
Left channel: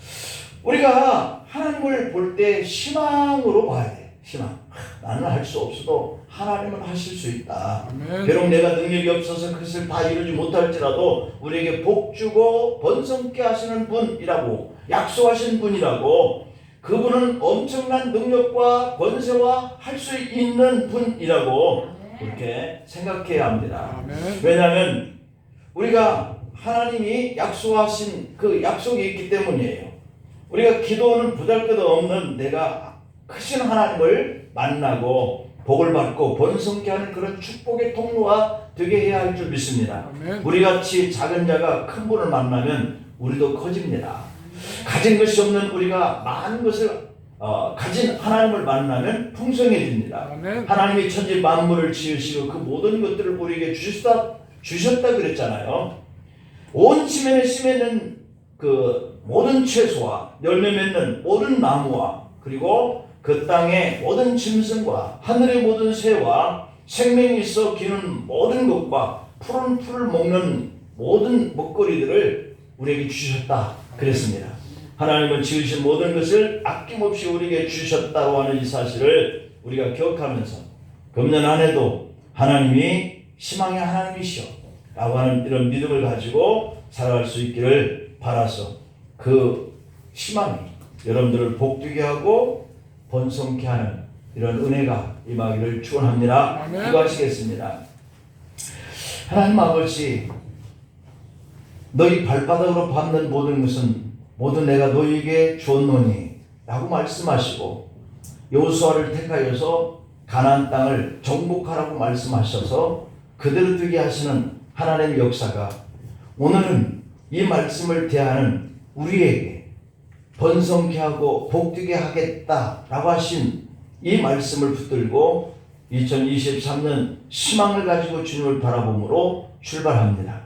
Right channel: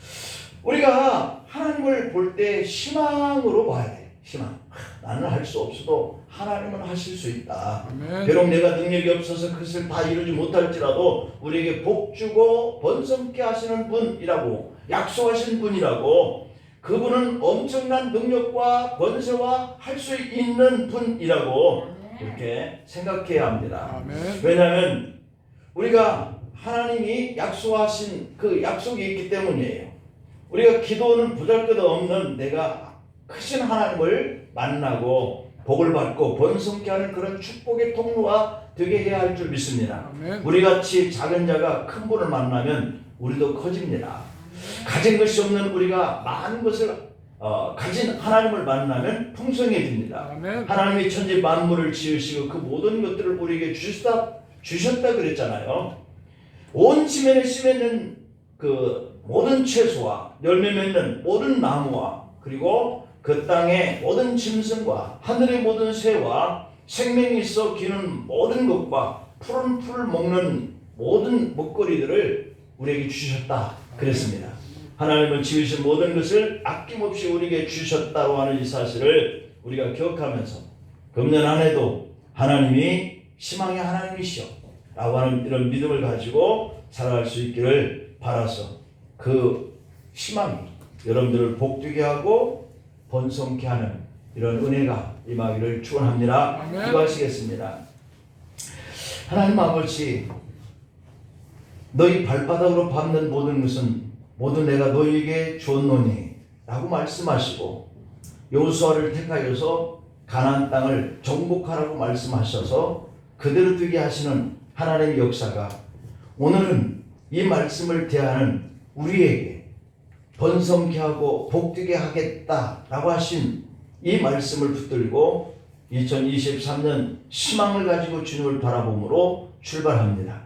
우리가 하나님을 볼 때 희망으로 봐야 돼. 희망. 나는 할 수 없어도 하나님은 하실 수 있다. 아멘. 비록 내가 능력이 없어서 그것을 다 이루지 못할지라도 우리에게 복 주고 번성케 하시는 분이라고, 약속하신 분이라고, 그분은 엄청난 능력과 권세와 할 수 있는 분이라고 그렇게 생각해야 합니다. 아멘. 왜냐하면 우리가 하나님이 약속하신 그 약속이 있기 때문이에요. 우리가 기도는 보잘것없는 내가 크신 하나님을 만나고 복을 받고 번성케 하는 그런 축복의 통로가 되게 해야 할 줄 믿습니다. 아멘. 우리같이 작은 자가 큰 분을 만나면 우리도 커집니다. 가진 것이 없는 우리가 많은 것을 가진 하나님을 만나면 풍성해집니다. 아멘. 하나님이 천지 만물을 지으시고 그 모든 것들을 우리에게 주셨다 그랬잖아요. 온 지면에 심어있는 그 모든 채소와 열매 맺는 모든 나무와 그리고 그 땅의 모든 짐승과 하늘의 모든 새와 생명이 있어 기는 모든 것과 푸른 풀을 먹는 모든 먹거리들을 우리에게 주셨다 그랬습니다. 하나님은 지으신 모든 것을 아낌없이 우리에게 주셨다고 하는 이 사실을 우리가 기억하면서 금년 한 해도 하나님이 희망의 하나님이시오 라고 하는 이런 믿음을 가지고 살아갈 수 있기를 바라서 그 희망이 여러분들을 복되게 하고 번성케 하는 이런 은혜가 임하기를 축원합니다. 기도하시겠습니다. 하나님 아버지, 너희 발바닥으로 밟는 모든 것은 모두 내가 너희에게 주었노니 라고 말씀하시고 여호수아를 택하여서 가나안 땅을 정복하라고 말씀하셔서 그대로 되게 하시는 하나님의 역사가 오늘은 이 말씀을 대하는 우리에게 번성케 하고 복되게 하겠다라고 하신 이 말씀을 붙들고 2023년 희망을 가지고 주님을 바라봄으로 출발합니다.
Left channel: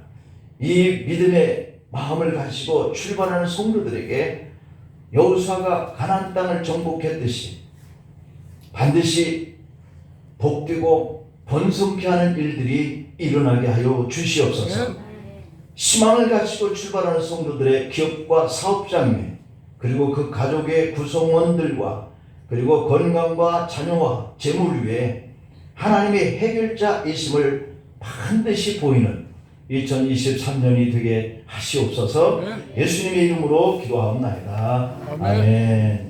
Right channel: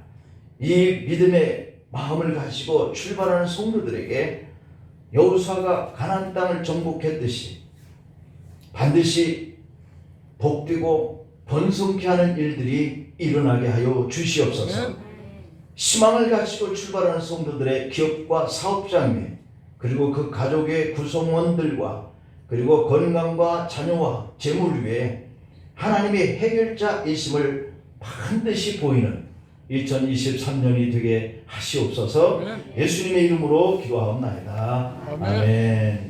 이 믿음의 마음을 가지고 출발하는 성도들에게 여호수아가 가나안 땅을 정복했듯이 반드시 복되고 번성케 하는 일들이 일어나게 하여 주시옵소서. 희망을 가지고 출발하는 성도들의 기업과 사업장에, 그리고 그 가족의 구성원들과, 그리고 건강과 자녀와 재물 위에 하나님의 해결자이심을 반드시 보이는 2023년이 되게 하시옵소서. 예수님의 이름으로 기도하옵나이다. 아멘.